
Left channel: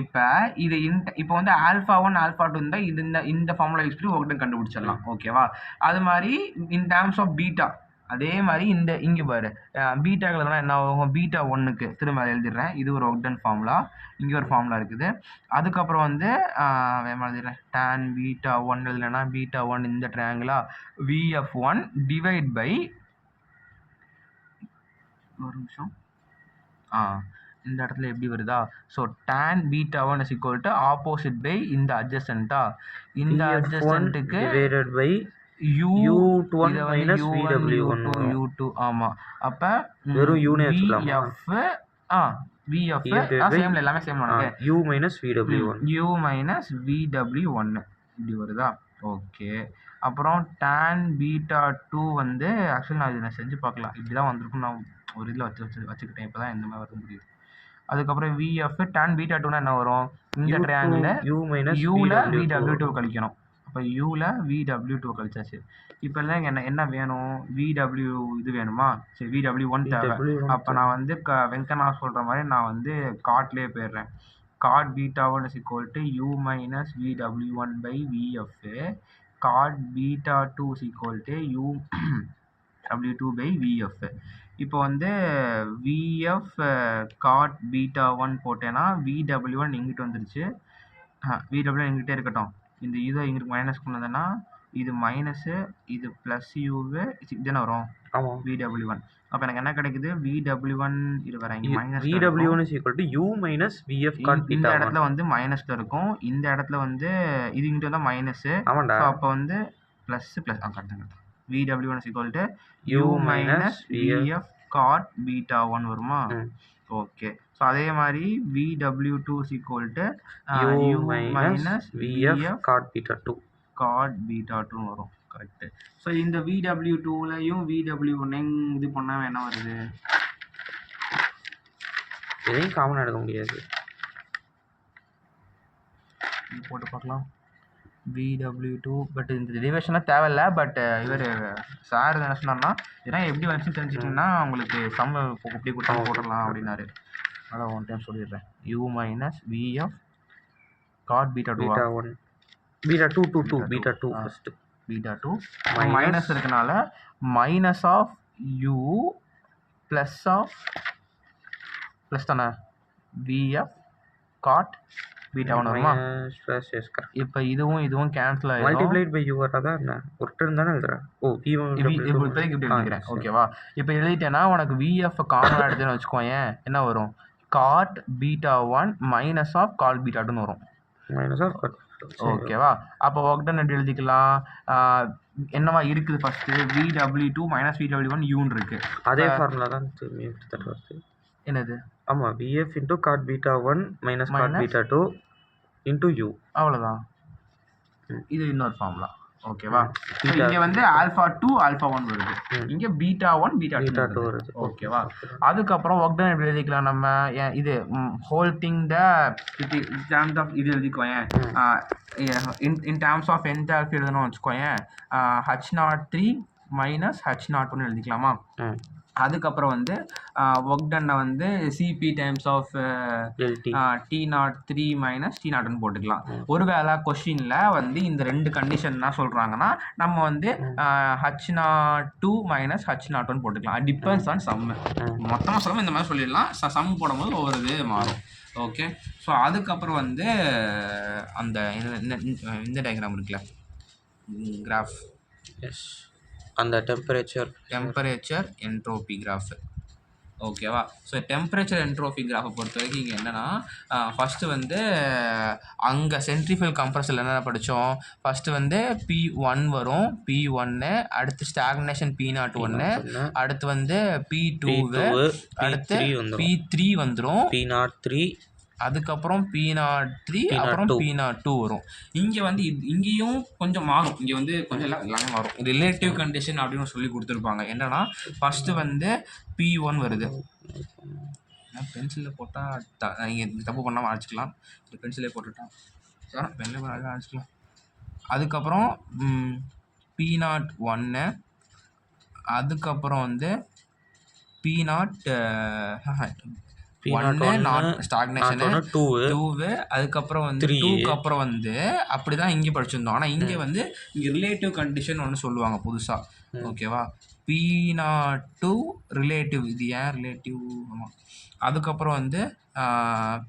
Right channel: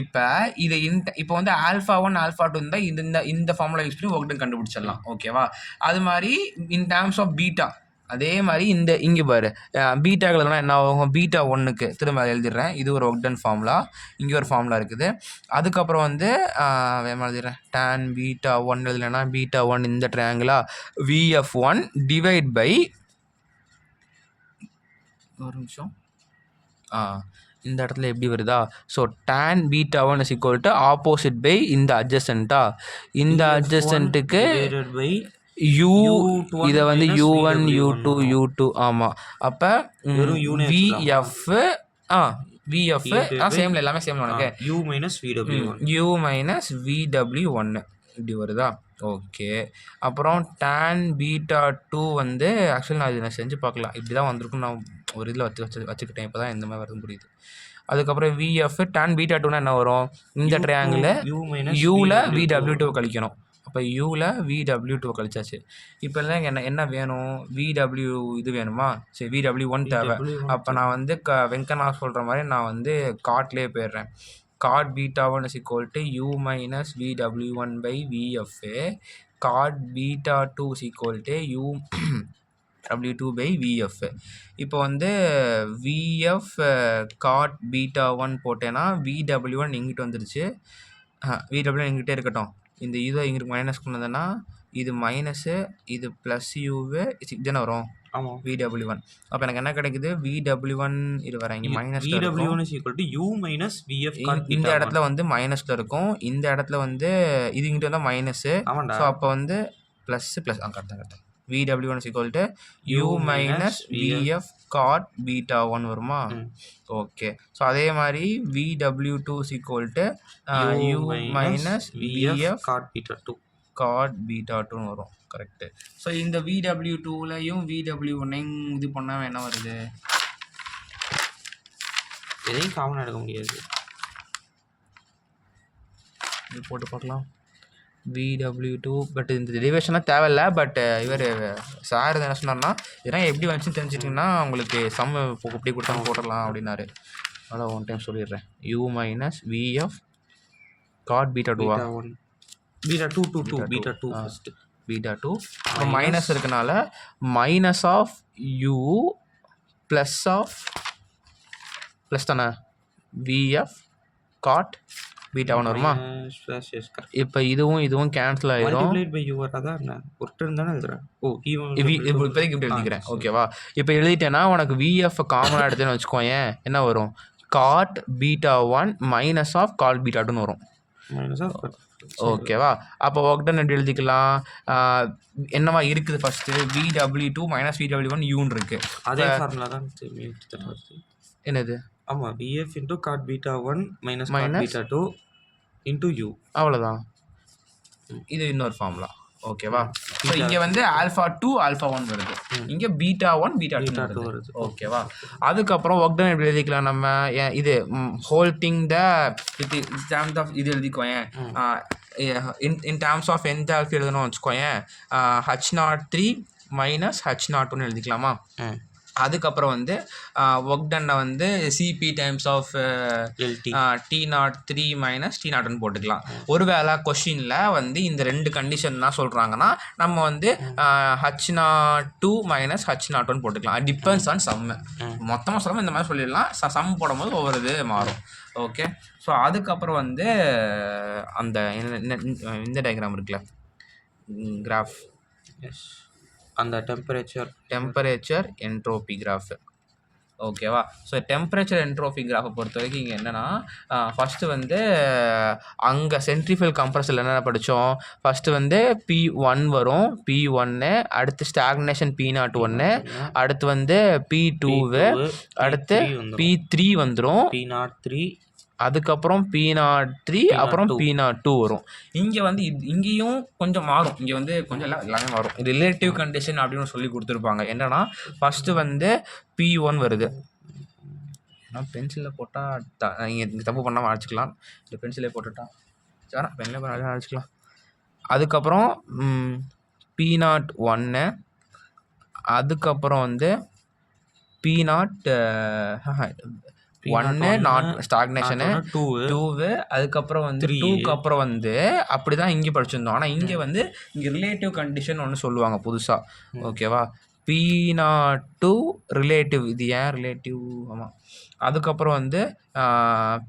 இப்போ இது இப்போ வந்து ஆல்ஃபா ஒன் ஆல்ஃபா டூ இருந்தால் இந்த ஃபார்முலா யூஸ் பண்ணி ஒர்க் டன் கண்டுபிடிச்சிடலாம். ஓகேவா? அது மாதிரி இன் டேர்ம்ஸ் ஆஃப் பீட்டா அதே மாதிரி இந்த இங்கே பாரு, பீட்டாக்கள் என்ன ஆகும், பீட்டா ஒன்றுக்கு திரும்ப அதை எழுதிடுறேன். இது ஒரு ஒர்க் டன் ஃபார்முலா, இங்கே ஒரு ஃபார்முலா இருக்குது. அதுக்கப்புறம் வந்து வேறு எழுதிடுறேன், டேன் பீட்டா ஒன் எழுதுலன்னா பீட்டா ஒன் இந்த ட்ரையாங்கிளா விஎஃப் ஒன் டிவைட் பை, ஒரு நிமிஷம், இந்த இடத்துல எப்படி வருதா, so tan beta one is equal to opposite by இந்த அட்ஜசன்ட்டா, இந்த அட்ஜசன்ட்டுக்கு பை U, இதை வந்து U1 U2 U2. ஆமாம். அப்போ VF VF சேம்ல எல்லாமே சேம் உனக்கு U minus VW1 U minus VW1 இப்படி வருதா? ஓகே. அப்புறம் tan பீட்டா டூ வந்து ஆக்சுவலி நான் இதை செஞ்சு பார்க்கலாம், இப்படி தான் வந்திருக்கும். நான் ஒரு இதில் வச்சுக்கிட்டேன், இப்போ தான் இந்த மாதிரி வருது புரியுது. அதுக்கப்புறம் VF tan பீட்டா டூனா என்ன வரும், இந்த ட்ரையாங்கில் யூவில் VW2 கழிக்கணும். அப்போ யூவில் VW2 கழிச்சாச்சு. இப்போ இல்லை என்ன வேணும், VW இது வேணுமா? சரி, VW1 தேவை. அப்போ நான் வந்து வெங்கனா சொல்கிற மாதிரி நான் வந்து காட்லேயே போயிடுறேன். Cot beta one is equal to U minus VW1 by VF. Cot beta two is equal to UW2 by VF. இப்போ வந்து VF காட் பீட்டா ஒன் போட்டேன்னா VW1 இங்கிட்டு வந்துருச்சு. VW1 எங்கிட்டே இருக்கட்டும். இந்த இதை இங்கிட்டு மைனஸ் கொண்டதுன்னா இது மைனஸு, இது ப்ளஸ் யூவு இதுதானே வரும். ஆமாம், VW1. அப்போ எனக்கு என்ன கிடைக்குது, VW1 இது வர இங்கே minus, VW1 is equal to U minus VF cot beta. இந்த இடத்துல வந்து மைனஸில் இருக்கும், இந்த இடத்துல வந்து இது இங்கிட்ட வந்தால் மைனஸு. ஸோ அப்போ வந்து ப்ளஸ்ஸு ப்ளஸ் கரெக்டாக VW1 is equal to U minus VF cot beta 1 வருமா? ஓகே. ஸோ அதே மாதிரி VW2 is equal to U minus VF cot beta 2 வரும். கரெக்டு. ஸோ இந்த VW2லையும் VW1 இது பண்ணால் என்ன வருது, எதையும் காமன் எடுக்க முடியாது. இது போட்டு பார்க்கலாம். VW2 பட் இந்த டெரிவேஷன்லாம் தேவையில்லை. பட் இவர் சார் என்ன சொன்னார்னா, இதெல்லாம் எப்படி வந்துச்சுன்னு தெரிஞ்சிட்டிங்கன்னா உங்களுக்கு சம் இப்படி கொடுத்தா போட்டுடலாம் அப்படின்னாரு. அதனால் ஒன் டைம் சொல்லிடுறேன். U minus VF cot beta two beta 2 beta 2 first beta 2 minus இருக்கனால மைனஸ் ஆஃப் U ப்ளஸ் தானே VF காட் பீட்டா 1 வருமா? Yes correct. இப்போ இதுவும் கேன்சல் ஆயிரும். மல்டிப்ளைட் பை யூ வராதா என்ன? ஒரு டர்ம் தானே எழுதுறேன். ஓ இப்போதைக்கு இப்படி எழுதிக்கிறேன். ஓகேவா? இப்போ எழுதிட்டேன்னா உனக்கு விஎஃப் காமனாக எடுத்துன்னு வச்சுக்கோயேன், என்ன வரும்? Cot beta 1 minus of cot beta 2ன்னு வரும். மைனஸ் ஆஃப் ஓகேவா? அப்போ ஒர்க் டன் எப்படி எழுதிக்கலாம்? என்னவா இருக்குது ஃபஸ்ட்டு? VW2 மைனஸ் VW1 யூன்னு இருக்குது. அதே ஃபார்முலா தான் கிட்டத்தட்ட வருது. என்னது? ஆமாம், VF into cot beta 1 minus cot beta 2 into U. அவ்வளோதான். இது இன்னொரு ஃபார்முலா. ஓகேவா? ஸோ இங்கே வந்து α2 α1 வருது, இங்கே β1 β2 வருது. ஓகேவா? அதுக்கப்புறம் ஒர்க் டன் எப்படி எழுதிக்கலாம் நம்ம? இது ஹோல்டிங் த டேர்ம்ஸ் ஆஃப் இது எழுதிக்குவேன். இன் டேர்ம்ஸ் ஆஃப் என்தால்பி எழுதணும்னு வச்சுக்கோயேன். H03 minus H01 எழுதிக்கலாமா? அதுக்கப்புறம் வந்து ஒர்க் டன்னை வந்து CP times of T03 minus T01 போட்டுக்கலாம். ஒருவேளை கொஷினில் வந்து இந்த 2 கண்டிஷன் தான் சொல்கிறாங்கன்னா நம்ம வந்து H02 மைனஸ் H01 போட்டுக்கலாம். டிபெண்ட்ஸ் ஆன் சம்மு. மொத்தமாக சொல்லாமல் இந்த மாதிரி சொல்லிடலாம். சம் போடும்போது ஒவ்வொரு இது மாறும். ஓகே. ஸோ அதுக்கப்புறம் வந்து அந்த இந்த டயக்ராம் இருக்குல்ல, கிராஃப், எஸ், அந்த டெம்பரேச்சர் என்ட்ரோபி கிராஃப். ஓகேவா? ஸோ டெம்பரேச்சர் என்ட்ரோபி கிராஃபை பொறுத்த வரைக்கும் இங்கே என்னென்னா, ஃபஸ்ட்டு வந்து அங்கே சென்ட்ரிஃபுகல் கம்ப்ரஸரில் என்னென்ன படித்தோம்? ஃபஸ்ட்டு வந்து P1 வரும், P1, அடுத்து ஸ்டாக்னேஷன் P01, அடுத்து வந்து P2, அடுத்து P3 வந்துடும், P03, அதுக்கப்புறம் P03, அப்புறம் P02 வரும். இங்கே வந்து இங்கேயும் கொஞ்சம் மாறும். இங்கே வந்து கொஞ்சம் எல்லாமே மாறும். ரிலேட்டிவ் கண்டிஷன் அப்படின்னு சொல்லி கொடுத்துருப்பாங்க. என்னன்னா ஃபஸ்ட்டு வந்து P1 வருது. ஏன்னா பென்சிலில் போட்டால் நீங்கள் தப்பு பண்ணாமல் அழைச்சிக்கலாம். இந்த பென்சிலே போட்டுட்டா சார் பென்னில் போய் அழைச்சிக்கலாம். அதுக்கப்புறம் P01, அதுக்கப்புறம் வந்து ஸ்டாக்னேஷனு 2, அதுக்கப்புறம் வந்து 2க்கு அப்புறம் வந்து அப்படி தான் இங்கே படிச்சிருந்தோம். ஆனால் இங்கே வந்து இங்கே ரிலேட்டிவ் கண்டிஷன் ஒன்று சொல்லுவாங்க புதுசாக. ஓகேவா? P02 relative. இது ஏன் ரிலேட்டிவ்? ஆமாம். அதுக்கப்புறம் வந்து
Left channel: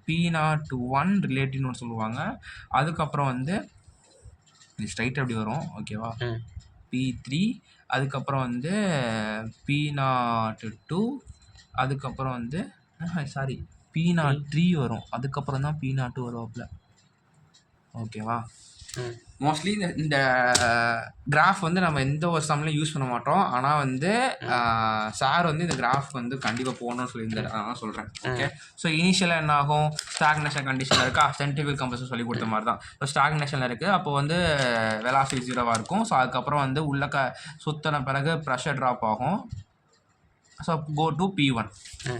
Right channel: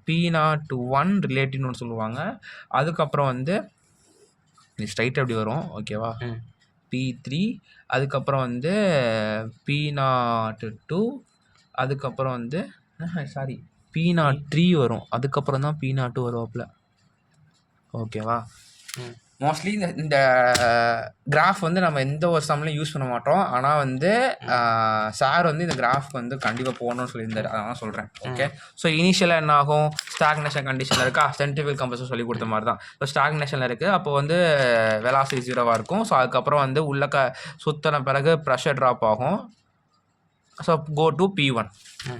P01 ரிலேட்டிவ்னு ஒன்று சொல்லுவாங்க. அதுக்கப்புறம் வந்து இது ஸ்ட்ரைட்டாக அப்படி வரும். ஓகேவா? P3, அதுக்கப்புறம் வந்து P02, அதுக்கப்புறம் வந்து P03 வரும். அதுக்கப்புறம் தான் P02 வருவாப்புல. ஓகேவா? மோஸ்ட்லி இந்த கிராஃப் வந்து நம்ம எந்த ஒரு சம்லையும் யூஸ் பண்ண மாட்டோம். ஆனால் வந்து சார் வந்து இந்த கிராஃப் வந்து கண்டிப்பாக போகணும்னு சொல்லியிருந்தாரு. அதான் சொல்கிறேன். ஓகே. ஸோ இனிஷியலாக என்ன ஆகும்? ஸ்டாக்னேஷன் கண்டிஷனில் இருக்கா, சென்ட்ரிஃபுகல் கம்ப்ரஸர் சொல்லி கொடுத்த மாதிரி தான். ஸோ ஸ்டாக்னேஷனில் இருக்குது, அப்போ வந்து வெலாசிட்டி 0வாக இருக்கும். ஸோ அதுக்கப்புறம் வந்து உள்ள சுற்றின பிறகு ப்ரெஷர் ட்ராப் ஆகும். So go to P1.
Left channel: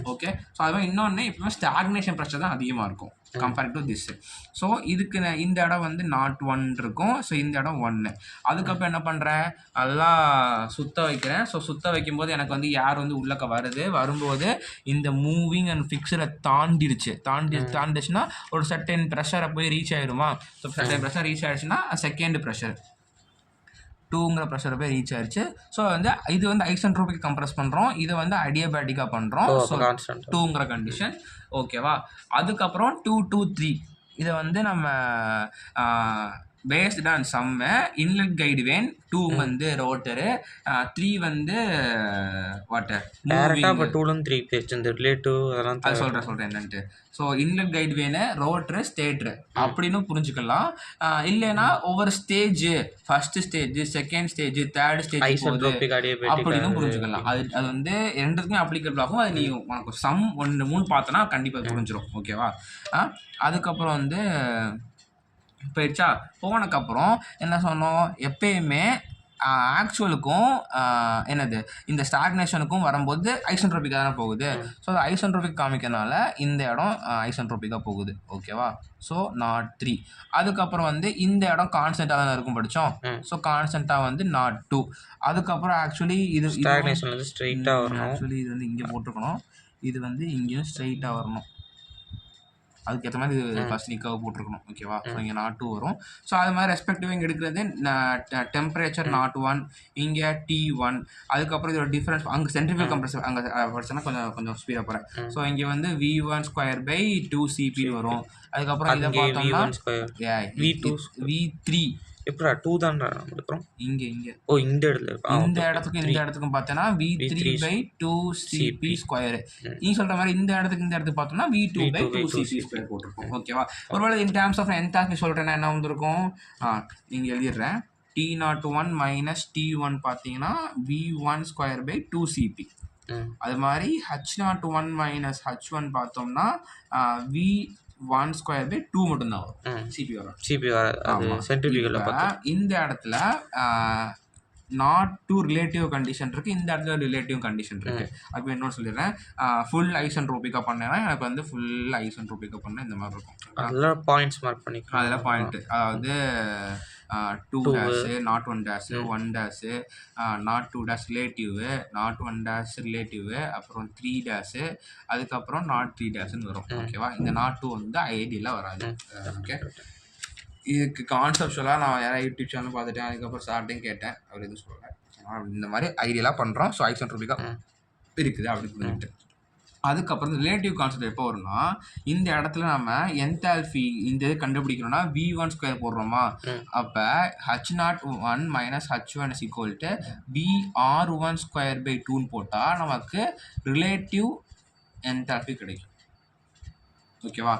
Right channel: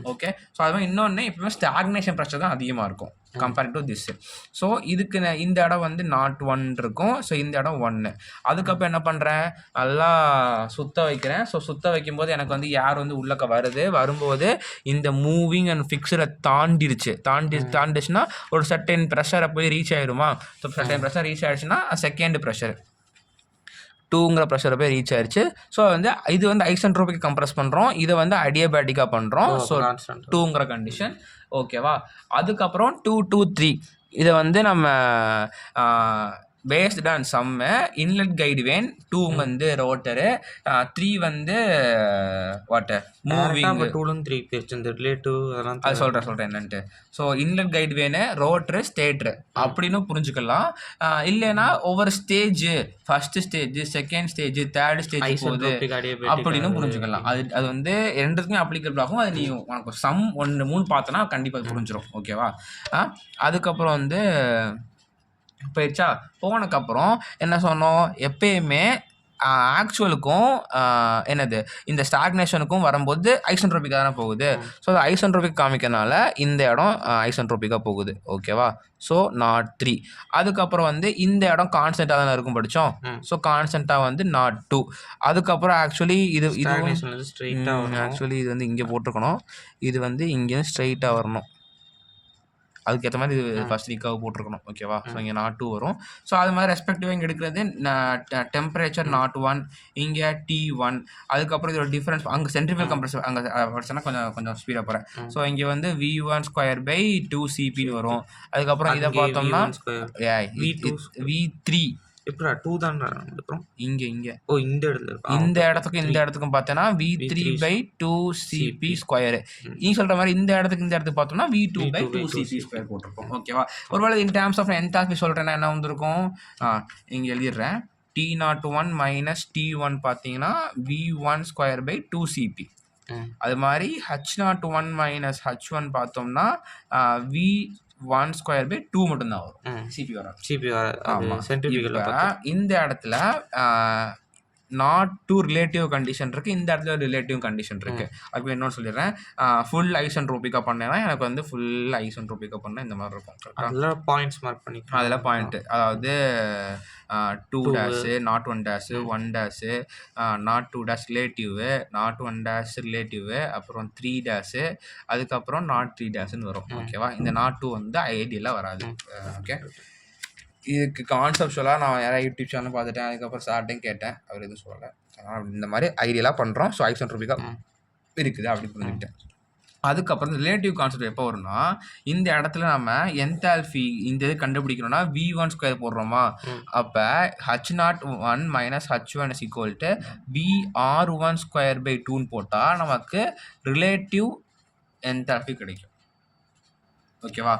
Okay. So அது மாதிரி இன்னொன்று எப்பவுமே ஸ்டாக்னேஷன் ப்ரெஷர் தான் அதிகமாக இருக்கும் கம்பேர்ட் டு திஸ். ஸோ இதுக்கு இந்த இடம் வந்து 0.1 இருக்கும். ஸோ இந்த இடம் 1. அதுக்கப்புறம் என்ன பண்ணுறேன்? நல்லா சுத்த வைக்கிறேன். ஸோ சுத்த வைக்கும்போது எனக்கு வந்து யார் வந்து உள்ளக்க வரும்போது இந்த மூவிங் அண்ட் ஃபிக்ஸரை தாண்டிடுச்சுன்னா ஒரு சர்டன் ப்ரெஷரை போய் ரீச் ஆகிடுமா? ஸோ சர்டன் ப்ரெஷர் ரீச் ஆகிடுச்சுன்னா செகண்ட் ப்ரெஷர் 2ங்கிற ப்ரெஷரை போய் ரீச் ஆயிடுச்சு. ஸோ வந்து இது வந்து ஐசென்ட்ரோபிக் கம்ப்ரஸ் பண்ணுறோம், இதை வந்து அடியாபேட்டிக்காக பண்ணுறோம். ஸோ 2ங்கிற கண்டிஷன். ஓகேவா? அதுக்கப்புறம் 2, 2, 3 இதை வந்து நம்ம based on sum. Inlet guide vane 2 வந்து ரோட்டரு, 3 வந்து வாட்டர் மூவிங். 2 3 ரிலேட்டிவ் அதெல்லாம் அது சொல்கிறேன் என்னன்ட்டு. So inlet guide van, ரோட்ரு, stator அப்படின்னு புரிஞ்சுக்கலாம். இல்லைன்னா ஒவ்வொரு stage, first stage, second stage, third stage அப்படின்னு புரிஞ்சுக்கலாம். அது வந்து ரெண்டுக்குமே அப்ளிகபிள் ஆகும். அது நீ உனக்கு சம் 1 3 பார்த்தோன்னா கண்டிப்பாக புரிஞ்சிடும். ஓகேவா? அதுக்கப்புறம் வந்து போயிடுச்சா? போனதுக்கப்புறம் என்ன சொன்னோம்? எப்பயுமே ஆக்சுவலுக்கும் என்னது இந்த ஸ்டாக்னேஷனுக்கும் வரும்போது ஐசென்ட்ரோபிக்காக தானே போகுது. ஸோ அது ஐசென்ட்ரோபிக் காமிக்கனால இந்த இடம் ஐசென்ட்ரோபிக்காக போகுது. ஓகேவா? ஸோ 03. அதுக்கப்புறம் வந்து இந்த இடம் கான்ஸ்டண்ட்டாக தானே இருக்கும் படித்தோம். ஸோ கான்ஸ்டண்ட்டாக வந்து 02. அதுக்கப்புறம் ஆக்சுவலி இது ஆக்சுவலி இது வந்து இங்கே போட்டிருக்கணும். இது வந்து இங்கேயும் ஸ்ட்ரைட்டாக வரணும். அதுக்கேற்ற மாதிரி இது ஃபஸ்ட் ரிகர்வ் போட்டிருக்கணும். ஓகேவா? ஸோ இங்கே நாட் 2 வரும். ஸோ அது மாதிரி ரெஸ்பெக்டிவாக இங்கே எடுக்கிறது டெம்பரேச்சர் நாட் 1, இங்கே T1. அதுக்கப்புறம் இதோட டிஃபரன்ஸ் அங்கே சென்ட்ரிஃபியூகல் கம்ப்ரஸர் அங்கே படிச்சோன்னா கொஞ்சம் ஸ்பீடாக போகிறேன். ஸோ இங்கே வந்து V1² / 2CP வரும். அதுக்கப்புறம் இதை பார்த்தோம்னா V3 எப்படா 2 தான் எடுக்கிறோம் இங்கே ஓ இந்த இடத்துல இந்த இடத்துக்கும் பார்த்தோன்னா V3/2CP². நீ சொல்ற மாதிரி இந்த இடத்துக்கு பார்த்தோம்னா V2/2CP² போட்டிருக்கோம். ஓகேவா? ஒருவேளை இன் டேர்ம்ஸ் ஆஃப் என்தால்பி சொல்றேன்னா என்ன வந்திருக்கும்? இங்கே எழுதிடுறேன். T01 - T1 பார்த்தீங்கன்னா V1² / 2CP. அது மாதிரி H01 - H1 பார்த்தோம்னா V1² / 2 மட்டும்தான் வரும். சிபி வராது. அது சென்ட்ரிஃபியூகல்ல பார்த்தா இந்த இடத்துல நாட் 2 ரிலேட்டிவ் கண்டிஷன் இருக்கு, இந்த இடத்துல ரிலேட்டிவ் கண்டிஷன் இருக்கு. அப்போ என்னன்னு சொல்லிடுறேன். ஃபுல் ஐசென்ட்ரோபிக்கா பண்ணேன்னா எனக்கு வந்து ஃபுல் ஐசென்ட்ரோபிக்கா பண்ண இந்த மாதிரி இருக்கும். அதெல்லாம் பாயிண்ட்ஸ் மார்க் பண்ணிக்கலாம். அதில் பாயிண்ட் அதாவது 2 not 1 1 not 2 relative, not 1 relative, அப்புறம் 3 அதுக்கப்புறம் நாட் 3 வரும். ஓகேவா? இந்த நாட் 2 வந்து ஐடியெல்லாம் வராது. ஓகே, இதுக்கு கான்செப்டுவலாக நான் யாராவது யூடியூப் சேனல் பார்த்துட்டேன். அதுக்கப்புறம் சார்ட்டையும் கேட்டேன், அவர் எதுவும் சொல்லலை. அதனால் இந்த மாதிரி ஐடியெல்லாம் பண்ணுறோம். ஸோ ஐசென்ட்ரோபிக்காக இருக்குது அப்படி புரிஞ்சுக்கிட்டேன். அதுக்கப்புறம் ரிலேட்டிவ் கான்செப்ட் எப்போ வரும்னா, இந்த இடத்துல நம்ம என்தால்பி இந்த இது கண்டுபிடிக்கணும்னா V1² போடுறோமா, அப்போ H01 - H1 = VR1² / 2 போட்டால் நமக்கு ரிலேட்டிவ் என்தால்பி கிடைக்கும். ஓகேவா?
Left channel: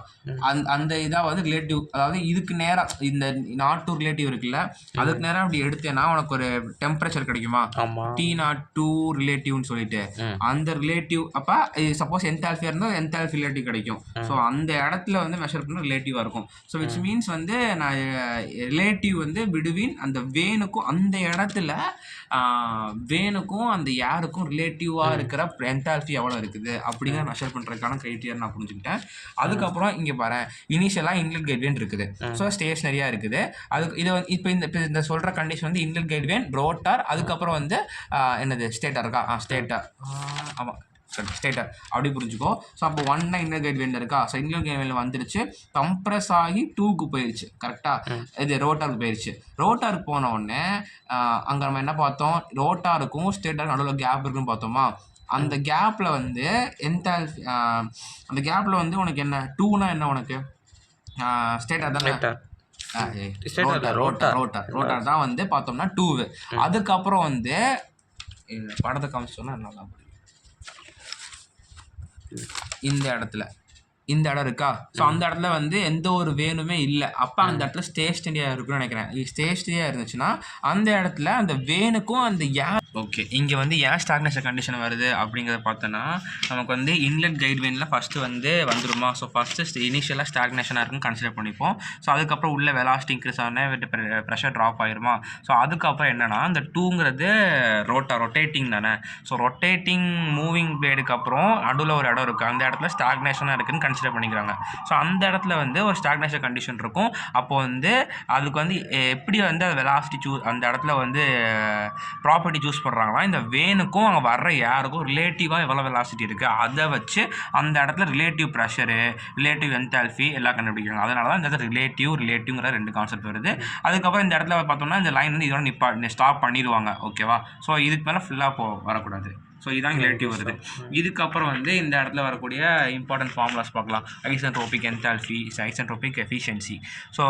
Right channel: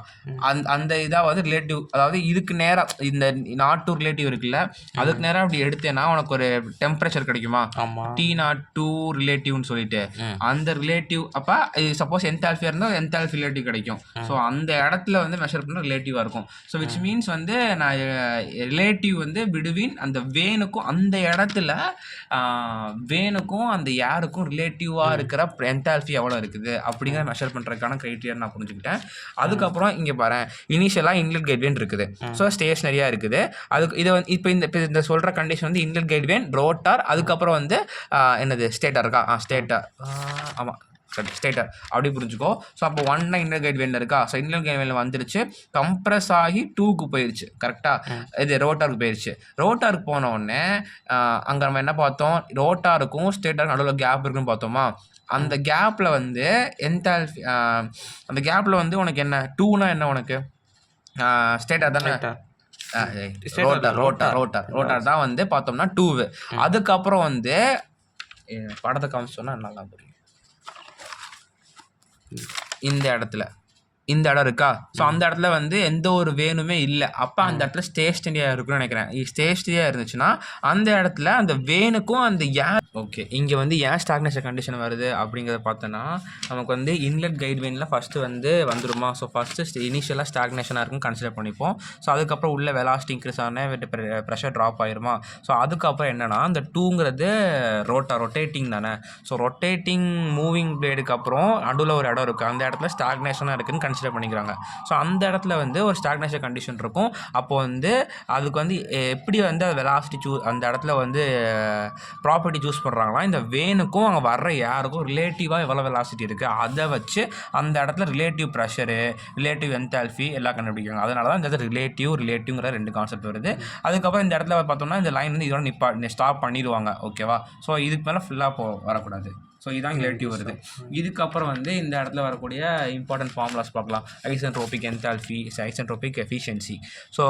அந்த இதாவது ரிலேட்டிவ், அதாவது இதுக்கு நேரம் இந்த நாட் 2 ரிலேட்டிவ் இருக்குல்ல, அதுக்கு நேரம் அப்படி எடுத்தேன்னா உனக்கு ஒரு டெம்பரேச்சர் கிடைக்குமா? T02 ரிலேட்டிவ்னு சொல்லிட்டு அந்த ரிலேட்டிவ் அப்போ சப்போஸ் என்தால்பியா இருந்தால் என்தால்பி ரிலேட்டிவ் கிடைக்கும். ஸோ அந்த இடத்துல வந்து மெஷர் பண்ண ரிலேட்டிவாக இருக்கும். ஸோ விச் மீன்ஸ் வந்து நான் ரிலேட்டிவ் வந்து பிட்வீன் அந்த வேனுக்கும் அந்த இடத்துல வேனுக்கும் அந்த ஏருக்கும் ரிலேட்டிவாக இருக்கிற என்தால்பி எவ்வளோ இருக்குது அப்படிங்கிற மெஷர் பண்ணுறதுக்கான க்ரைட்டீரியா நான் புரிஞ்சுக்கிட்டேன். அதுக்கப்புறம் இங்கே பாரு, இனிஷியலாக இன்லெட் கைட்வேன் இருக்குது. ஸோ ஸ்டேஷனரியாக இருக்குது. அதுக்கு இதை வந்து இப்போ இந்த சொல்கிற கண்டிஷன் வந்து இன்லெட் கைட்வேன், ரோட்டார், அதுக்கப்புறம் வந்து என்னது ஸ்டேட்டாக இருக்கா? ஸ்டேட்டாக, ஆமாம் ஸ்டேட்டர் அப்படி புரிஞ்சுக்கோ. ஸோ அப்போ 1 இன்லெட் கைட்வேனில் இருக்கா? ஸோ இன்லெட் கைட்வேனில் வந்துருச்சு, கம்ப்ரஸ் ஆகி 2க்கு போயிடுச்சு. கரெக்டாக? இது ரோட்டாருக்கு போயிடுச்சு. ரோட்டாருக்கு போன உடனே அங்கே நம்ம என்ன பார்த்தோம்? ரோட்டாருக்கும் ஸ்டேட்டருக்கும் நடுவில் கேப் இருக்குன்னு பார்த்தோமா? அந்த கேப்பில் வந்து என்தால்பி, அந்த கேப்பில் வந்து உனக்கு என்ன 2னா என்ன உனக்கு? ஸ்டேட்டாக தானே? ரோட்டார் தான் வந்து பார்த்தோம்னா 2. அதுக்கப்புறம் வந்து படத்தை காமிச்சு சொன்னால் நல்லா புரியும். இந்த இடம் இருக்கா? ஸோ அந்த இடத்துல வந்து எந்த ஒரு வேனுமே இல்லை. அப்போ அந்த இடத்துல ஸ்டேஷனரியாக இருக்குன்னு நினைக்கிறேன். ஸ்டேஷனரியாக இருந்துச்சுன்னா அந்த இடத்துல அந்த வேனுக்கும் அந்த ஏர், ஓகே, இங்கே வந்து ஏன் ஸ்டாக்னேஷன் கண்டிஷன் வருது அப்படிங்கிறத பார்த்தோன்னா நமக்கு வந்து இன்லெட் கைட்வேனில் ஃபஸ்ட்டு வந்து வந்துடுமா? ஸோ ஃபஸ்ட்டு இனிஷியலாக ஸ்டாக்னேஷனாக இருக்குன்னு கன்சிடர் பண்ணிப்போம். ஸோ அதுக்கப்புறம் உள்ள வெலாசிட்டி இன்க்ரீஸ் ஆனால் ப்ரெஷர் ட்ராப் ஆயிருமா? ஸோ அதுக்கப்புறம் என்னென்னா அந்த 2ங்கிறது ரொட்டேட்டிங் தானே. ஸோ ரொட்டேட்டிங் மூவிங் பிளேடுக்கு அப்புறம் நடுவில் ஒரு இடம் இருக்குது, அந்த இடத்துல ஸ்டாக்னேஷனாக இருக்குன்னு கன்சிடர் பண்ணிக்கிறாங்க. ஸோ அந்த இடத்துல வந்து ஒரு ஸ்டாக்னேஷன் கண்டிஷன் இருக்கும். அப்போ வந்து அதுக்கு வந்து எப்படி வந்து அது வெலாசிட்டி அந்த இடத்துல வந்து ப்ராப்பர்ட்டி சூஸ் பண்ணுறாங்கன்னா, இந்த வேனுக்கும் அங்கே வர்ற யாருக்கும் ரிலேட்டிவாக எவ்வளோ வெலாசிட்டி இருக்குது அதை வச்சு அந்த இடத்துல ரிலேட்டிவ் ப்ரெஷரு, ரிலேட்டிவ் என்தால்பி எல்லாம் கண்டுபிடிக்கிறாங்க. அதனால தான் இந்த இடத்துல ரிலேட்டிவ்ங்கிற 2 கான்செப்ட் வருது. அதுக்கப்புறம் இந்த இடத்துல பார்த்தோம்னா இந்த லைன் வந்து இதோட ஸ்டாப் பண்ணிடுவாங்க. ஓகேவா? ஸோ இதுக்கு மேலே ஃபுல்லாக வரக்கூடாது. ஸோ இதுதான் ரிலேட்டிவ் வருது. இதுக்கப்புறம் வந்து இந்த இடத்துல வரக்கூடிய இம்பார்ட்டன்ட் ஃபார்முலாஸ் பார்க்கலாம். Isentropic enthalpy, isentropic efficiency. So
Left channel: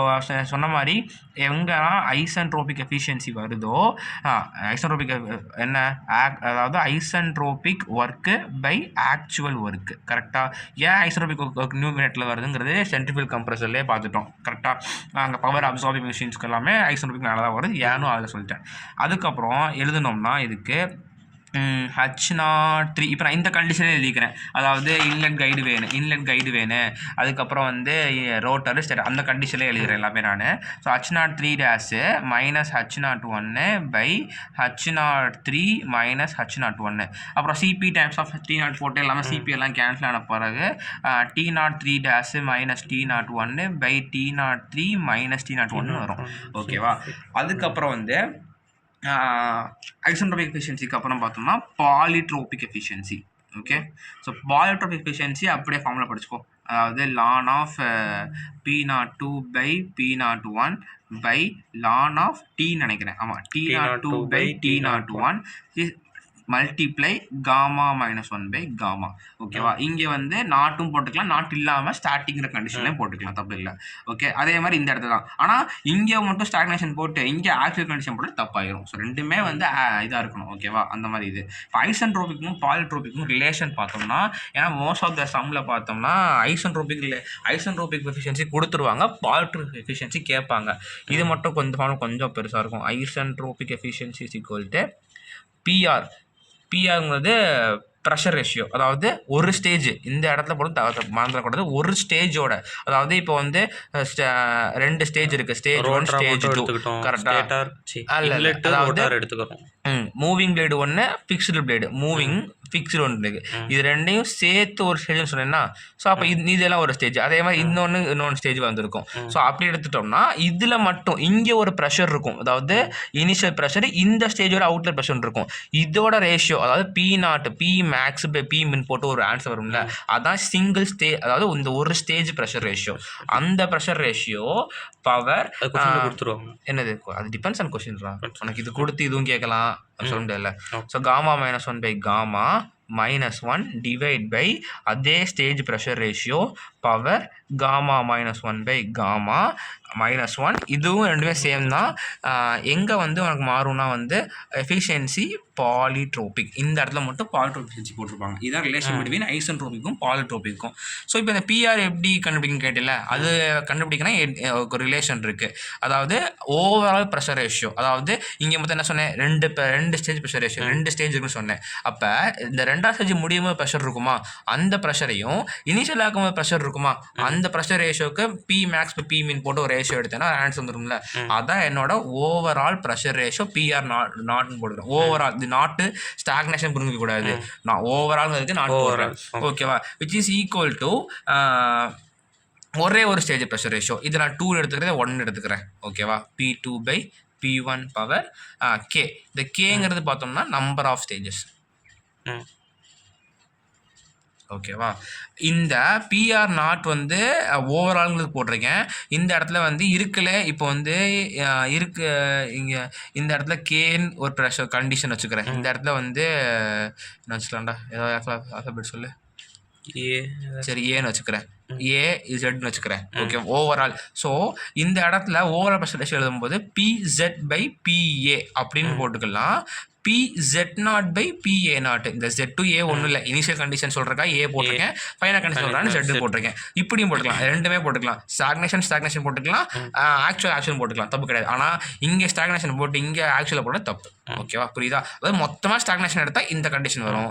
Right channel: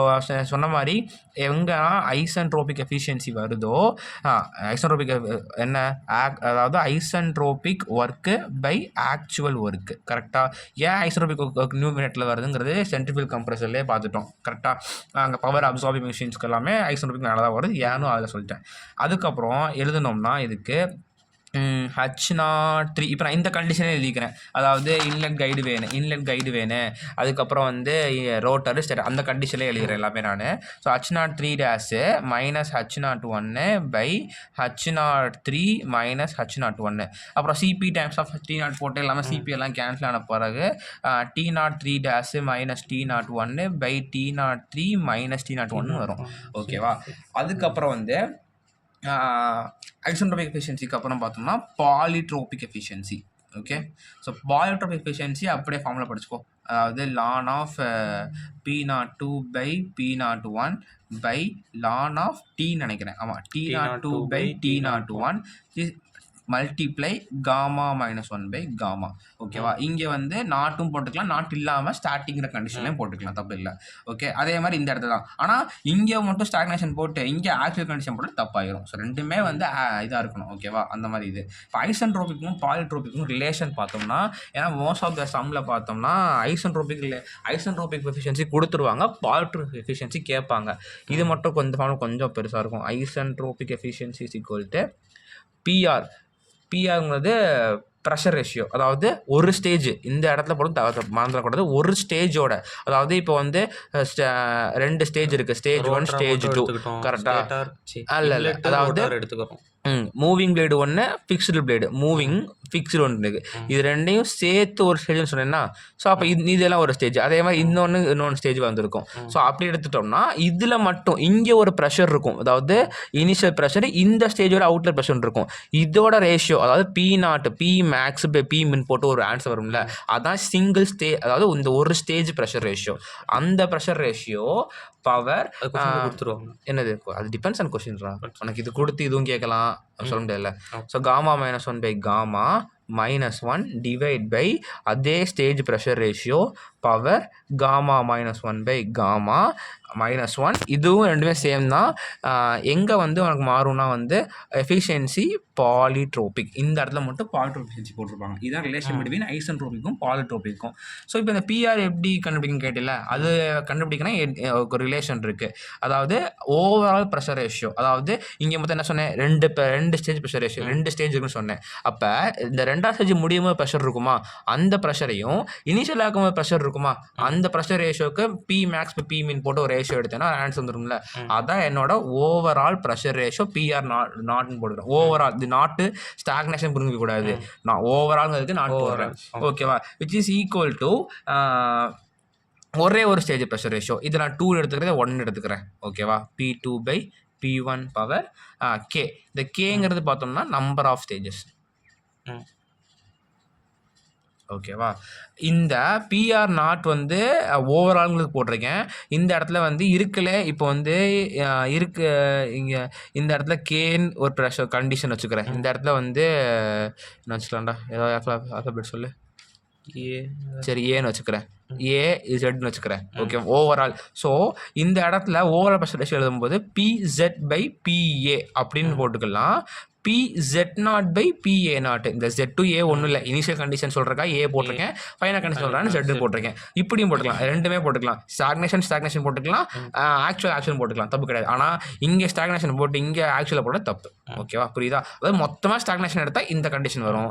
சொன்ன மாதிரி எங்கே ஐசென்ட்ரோபிக் எஃபிஷியன்சி வருதோ, ஐசென்ட்ரோபிக் என்ன, அதாவது isentropic work by actual work. கரெக்டாக? ஏன் ஐசென்ட்ரோபிக் ஒர்க் நியூமினேட்டரில் வருதுங்கிறது சென்ட்ரிஃபியூகல் கம்ப்ரஸர்லேயே பார்த்துட்டோம். கரெக்டாக? அங்கே பவர் அப்சார்பிங் மிஷின்ஸ்க்கு எல்லாமே ஐசென்ட்ரோபிக் நல்லா தான் வருது, ஏனும் அதில் சொல்லிட்டேன். அதுக்கப்புறம் எழுதணும்னா இதுக்கு H03 இப்போ நான் இந்த கண்டிஷனே எழுதிக்கிறேன். அதாவது இன்லெட் கைடு வேணும், அதுக்கப்புறம் வந்து ரோட்டர் ஸ்டேட்டர், அந்த கண்டிஷனே எழுதுகிறேன் எல்லாமே நான். So H03- H01/H03 - H01. அப்புறம் CP டைம்ஸ் ஆஃப் T0 போட்டு எல்லாமே CP எல்லாம் கேன்சல் ஆன பிறகு T03- T01/T03 - T01 வரும். ஓகேவா? அதுக்கப்புறம் வந்து ஐசென்ட்ரோபிக் எஃபிஷியன்சிக்கு அப்புறம் பார்த்தோம்னா polytropic efficiency. Okay. So polytropic efficiency அப்படியே ஃபார்முலா படிச்சுக்கோ. அதாவது ln of P02 by P01 by ln of T நினைக்கிறேன். ஆமாம், T02 by T01 multiply gamma -1 by gamma. ஓகேவா? இங்கே வந்து நாட்டும் போட்டுக்கலாம், நாட் இல்லாமல் ஸ்டார்டிங்கிற கண்டிஷன்லையும் போட்டுக்கலாம், தப்பு இல்லை. ஓகே. அதே மாதிரி இந்த இடத்துல தான். ஆனால் இங்கே மட்டும் ஸ்டாக்னேஷன் போட்டு இங்கே ஆக்சுவல் கண்டிஷன் போட்டு தப்பாயிரும். ஸோ ரெண்டுமே வந்து இதாக இருக்கணும். ஓகேவா? அந்த மாதிரி இது. இப்போ ஐசென்ட்ரோபிக்கும் பாலிட்ரோபிக்கும் ரிலேஷன் பார்த்தோம்னா, ஏன்னா மோஸ்ட் ஆஃப் த சம்மில் பார்த்தோம்னா ஐசென்ட்ரோபிக் எஃபிஷியன்சி கொடுத்துருவாங்க, பாலிட்ரோபிக் எஃபிஷியன்சி கேட்பாங்க. இது மட்டும் கொஞ்சம் பெருசாக இருக்கும். Isentropic efficiency is equal to பிஆர்ங்கிறது ப்ரெஷர் ரேஷியோ. அதாவது ஒரு ஸ்டேஜ், இந்த இடத்துல போட்டு மறந்துடக்கூடாது, ஒரு ஸ்டேஜோட, அதாவது இப்போ வந்து 2 ஸ்டேஜ் இருக்குது, ஸ்டேஜ் 1 ஸ்டேஜ் 2 கரெக்டாக. அதாவது எடுத்துக்கிறோம். மூவிங் பிளேடு ஒன்று, ஃபிக்ஸ்டு பிளேடு, மூவிங் ஃபிக்ஸ்டு ஒன்று இருக்குது. இது ரெண்டையும் சேர்த்து ஒரு ஸ்டேஜ்னு சொன்னேன்னா, ஸோ அப்போ இதெல்லாம் ஒரு ஸ்டேஜ். அதே மாதிரி இன்னொன்று ஸ்டேஜ் வந்திருக்கும். ஸோ அப்படி எடுத்துட்டோம்னா இதில் மட்டும் இங்கே ஒரு ப்ரெஷர் இருக்கும், அதாவது இனிஷியல் ப்ரெஷர், இந்த ஸ்டேஜோட அவுட்லெட் ப்ரெஷர் இருக்கும். இதோட ரேஷியோ, அதாவது P0 P max by P min போட்டு ஒரு ஆன்சர் வரும்ல, அதான் சிங்கிள் ஸ்டேஜ், அதாவது இந்த ஒரு ஸ்டேஜ் ப்ரெஷர் ரேஷியோ. அந்த ப்ரெஷர் ரேஷியோ பவர் கொடுத்துருவாங்க. என்னது, அது டிபெண்ட்ஸ் ஆன் கொஸ்டின்ரா. உனக்கு இது கொடுத்து இதுவும் கேட்கலாம், சொல்ல முடியல. So gamma -1 by gamma -1 divide by அதே stage pressure ratio power gamma -1 by gamma -1. இதுவும் ரெண்டுமே சேம் தான். எங்கே வந்து உனக்கு மாறும்னா வந்து எஃபிஷியன்சி பாலிட்ரோபிக், இந்த இடத்துல மட்டும் பாலிட்ரோபிக் எஃபிஷியன்சி போட்டிருப்பாங்க. இதுதான் ரிலேஷன் பிட்வீன் ஐசென்ட்ரோபிக்கும் பாலிட்ரோபிக்கும். ஸோ இப்போ இந்த பிஆர் எப்படி கண்டுபிடிக்கணும்னு கேட்டில, அது கண்டுபிடிக்கணும் ஒரு ரிலேஷன் இருக்குது. அதாவது ஓவரால் ப்ரெஷர் ரேஷியோ, அதாவது இங்கே மொத்தம் என்ன சொன்னேன், ரெண்டு ஸ்டேஜ் ப்ரெஷர் ரேஷியோ, 2 ஸ்டேஜ் இருக்குன்னு சொன்னேன். அப்போ இந்த 2ஆவது ஸ்டேஜ் முடியும் போது ப்ரெஷர் இருக்குமா, அந்த ப்ரெஷரையும் இனிஷியல் ஆகும்போது ப்ரெஷர் இருக்குமா, அந்த ப்ரெஷர் ரேஷியோக்கு P max by P min போட்டு ஒரு ரேஷியோ எடுத்தேன்னா ஆன்சர் வந்துரும்ல. அதான் என்னோட ஓவரால் ப்ரெஷர் ரேஷியோ PR நாட்னு போட்டுக்கிறேன். ஓவரால் இது நாட்டு ஸ்டாக்னேஷன் புரிஞ்சிக்க கூடாது, நான் ஓவரால் நாட் போடுறேன். ஓகேவா? விச் இஸ் ஈக்குவல் டு ஒரே ஒரு ஸ்டேஜ் ப்ரெஷர் ரேஷியோ. இது நான் 2 எடுத்துக்கிறேன், 1 எடுத்துக்கிறேன். ஓகேவா? P2 by P1 power K. இந்த கேங்கிறது பார்த்தோம்னா நம்பர் ஆஃப் ஸ்டேஜஸ். ஓகேவா? இந்த PR0 வந்து ஓவரால்ங்கிறது போட்டிருக்கேன். இந்த இடத்துல வந்து இருக்கல, இப்போ வந்து இங்கே இந்த இடத்துல கேன்னு ஒரு ப்ரெஷர் கண்டிஷன் வச்சுக்கிறேன். இந்த இடத்துல வந்து என்ன வச்சுக்கலாம்டா, ஏதாவது ஆல்ஃபபெட் சொல்லு. சரி, ஏன்னு வச்சுக்கிறேன், AZன்னு வச்சுக்கிறேன். Okay, overall. ஸோ இந்த இடத்துல ஓவரால் ப்ரெஷர் ரேஷியோ எழுதும்போது PZ பை PA அப்படின்னு போட்டுக்கலாம். PZ0 by PA0. இந்த Z to A ஒன்றும் இல்லை, இனிஷியல் கண்டிஷன் சொல்கிறக்கா A போட்டிருக்கேன், ஃபைனல் கண்டிஷன் சொல்கிறான்னு Z போட்டிருக்கேன். இப்படியும் போட்டுக்கலாம், ரெண்டுமே போட்டுக்கலாம். ஸ்டாக்னேஷன் போட்டுக்கலாம், ஆக்சுவல் போட்டுக்கலாம், தப்பு கிடையாது. ஆனால் இங்கே ஸ்டாக்னேஷன் போட்டு இங்கே ஆக்சுவலாக போட தப்பு. ஓகேவா? புரியுதா? அதாவது மொத்தமாக ஸ்டாக்னேஷன் எடுத்தால் இந்த கண்டிஷன் வரும்,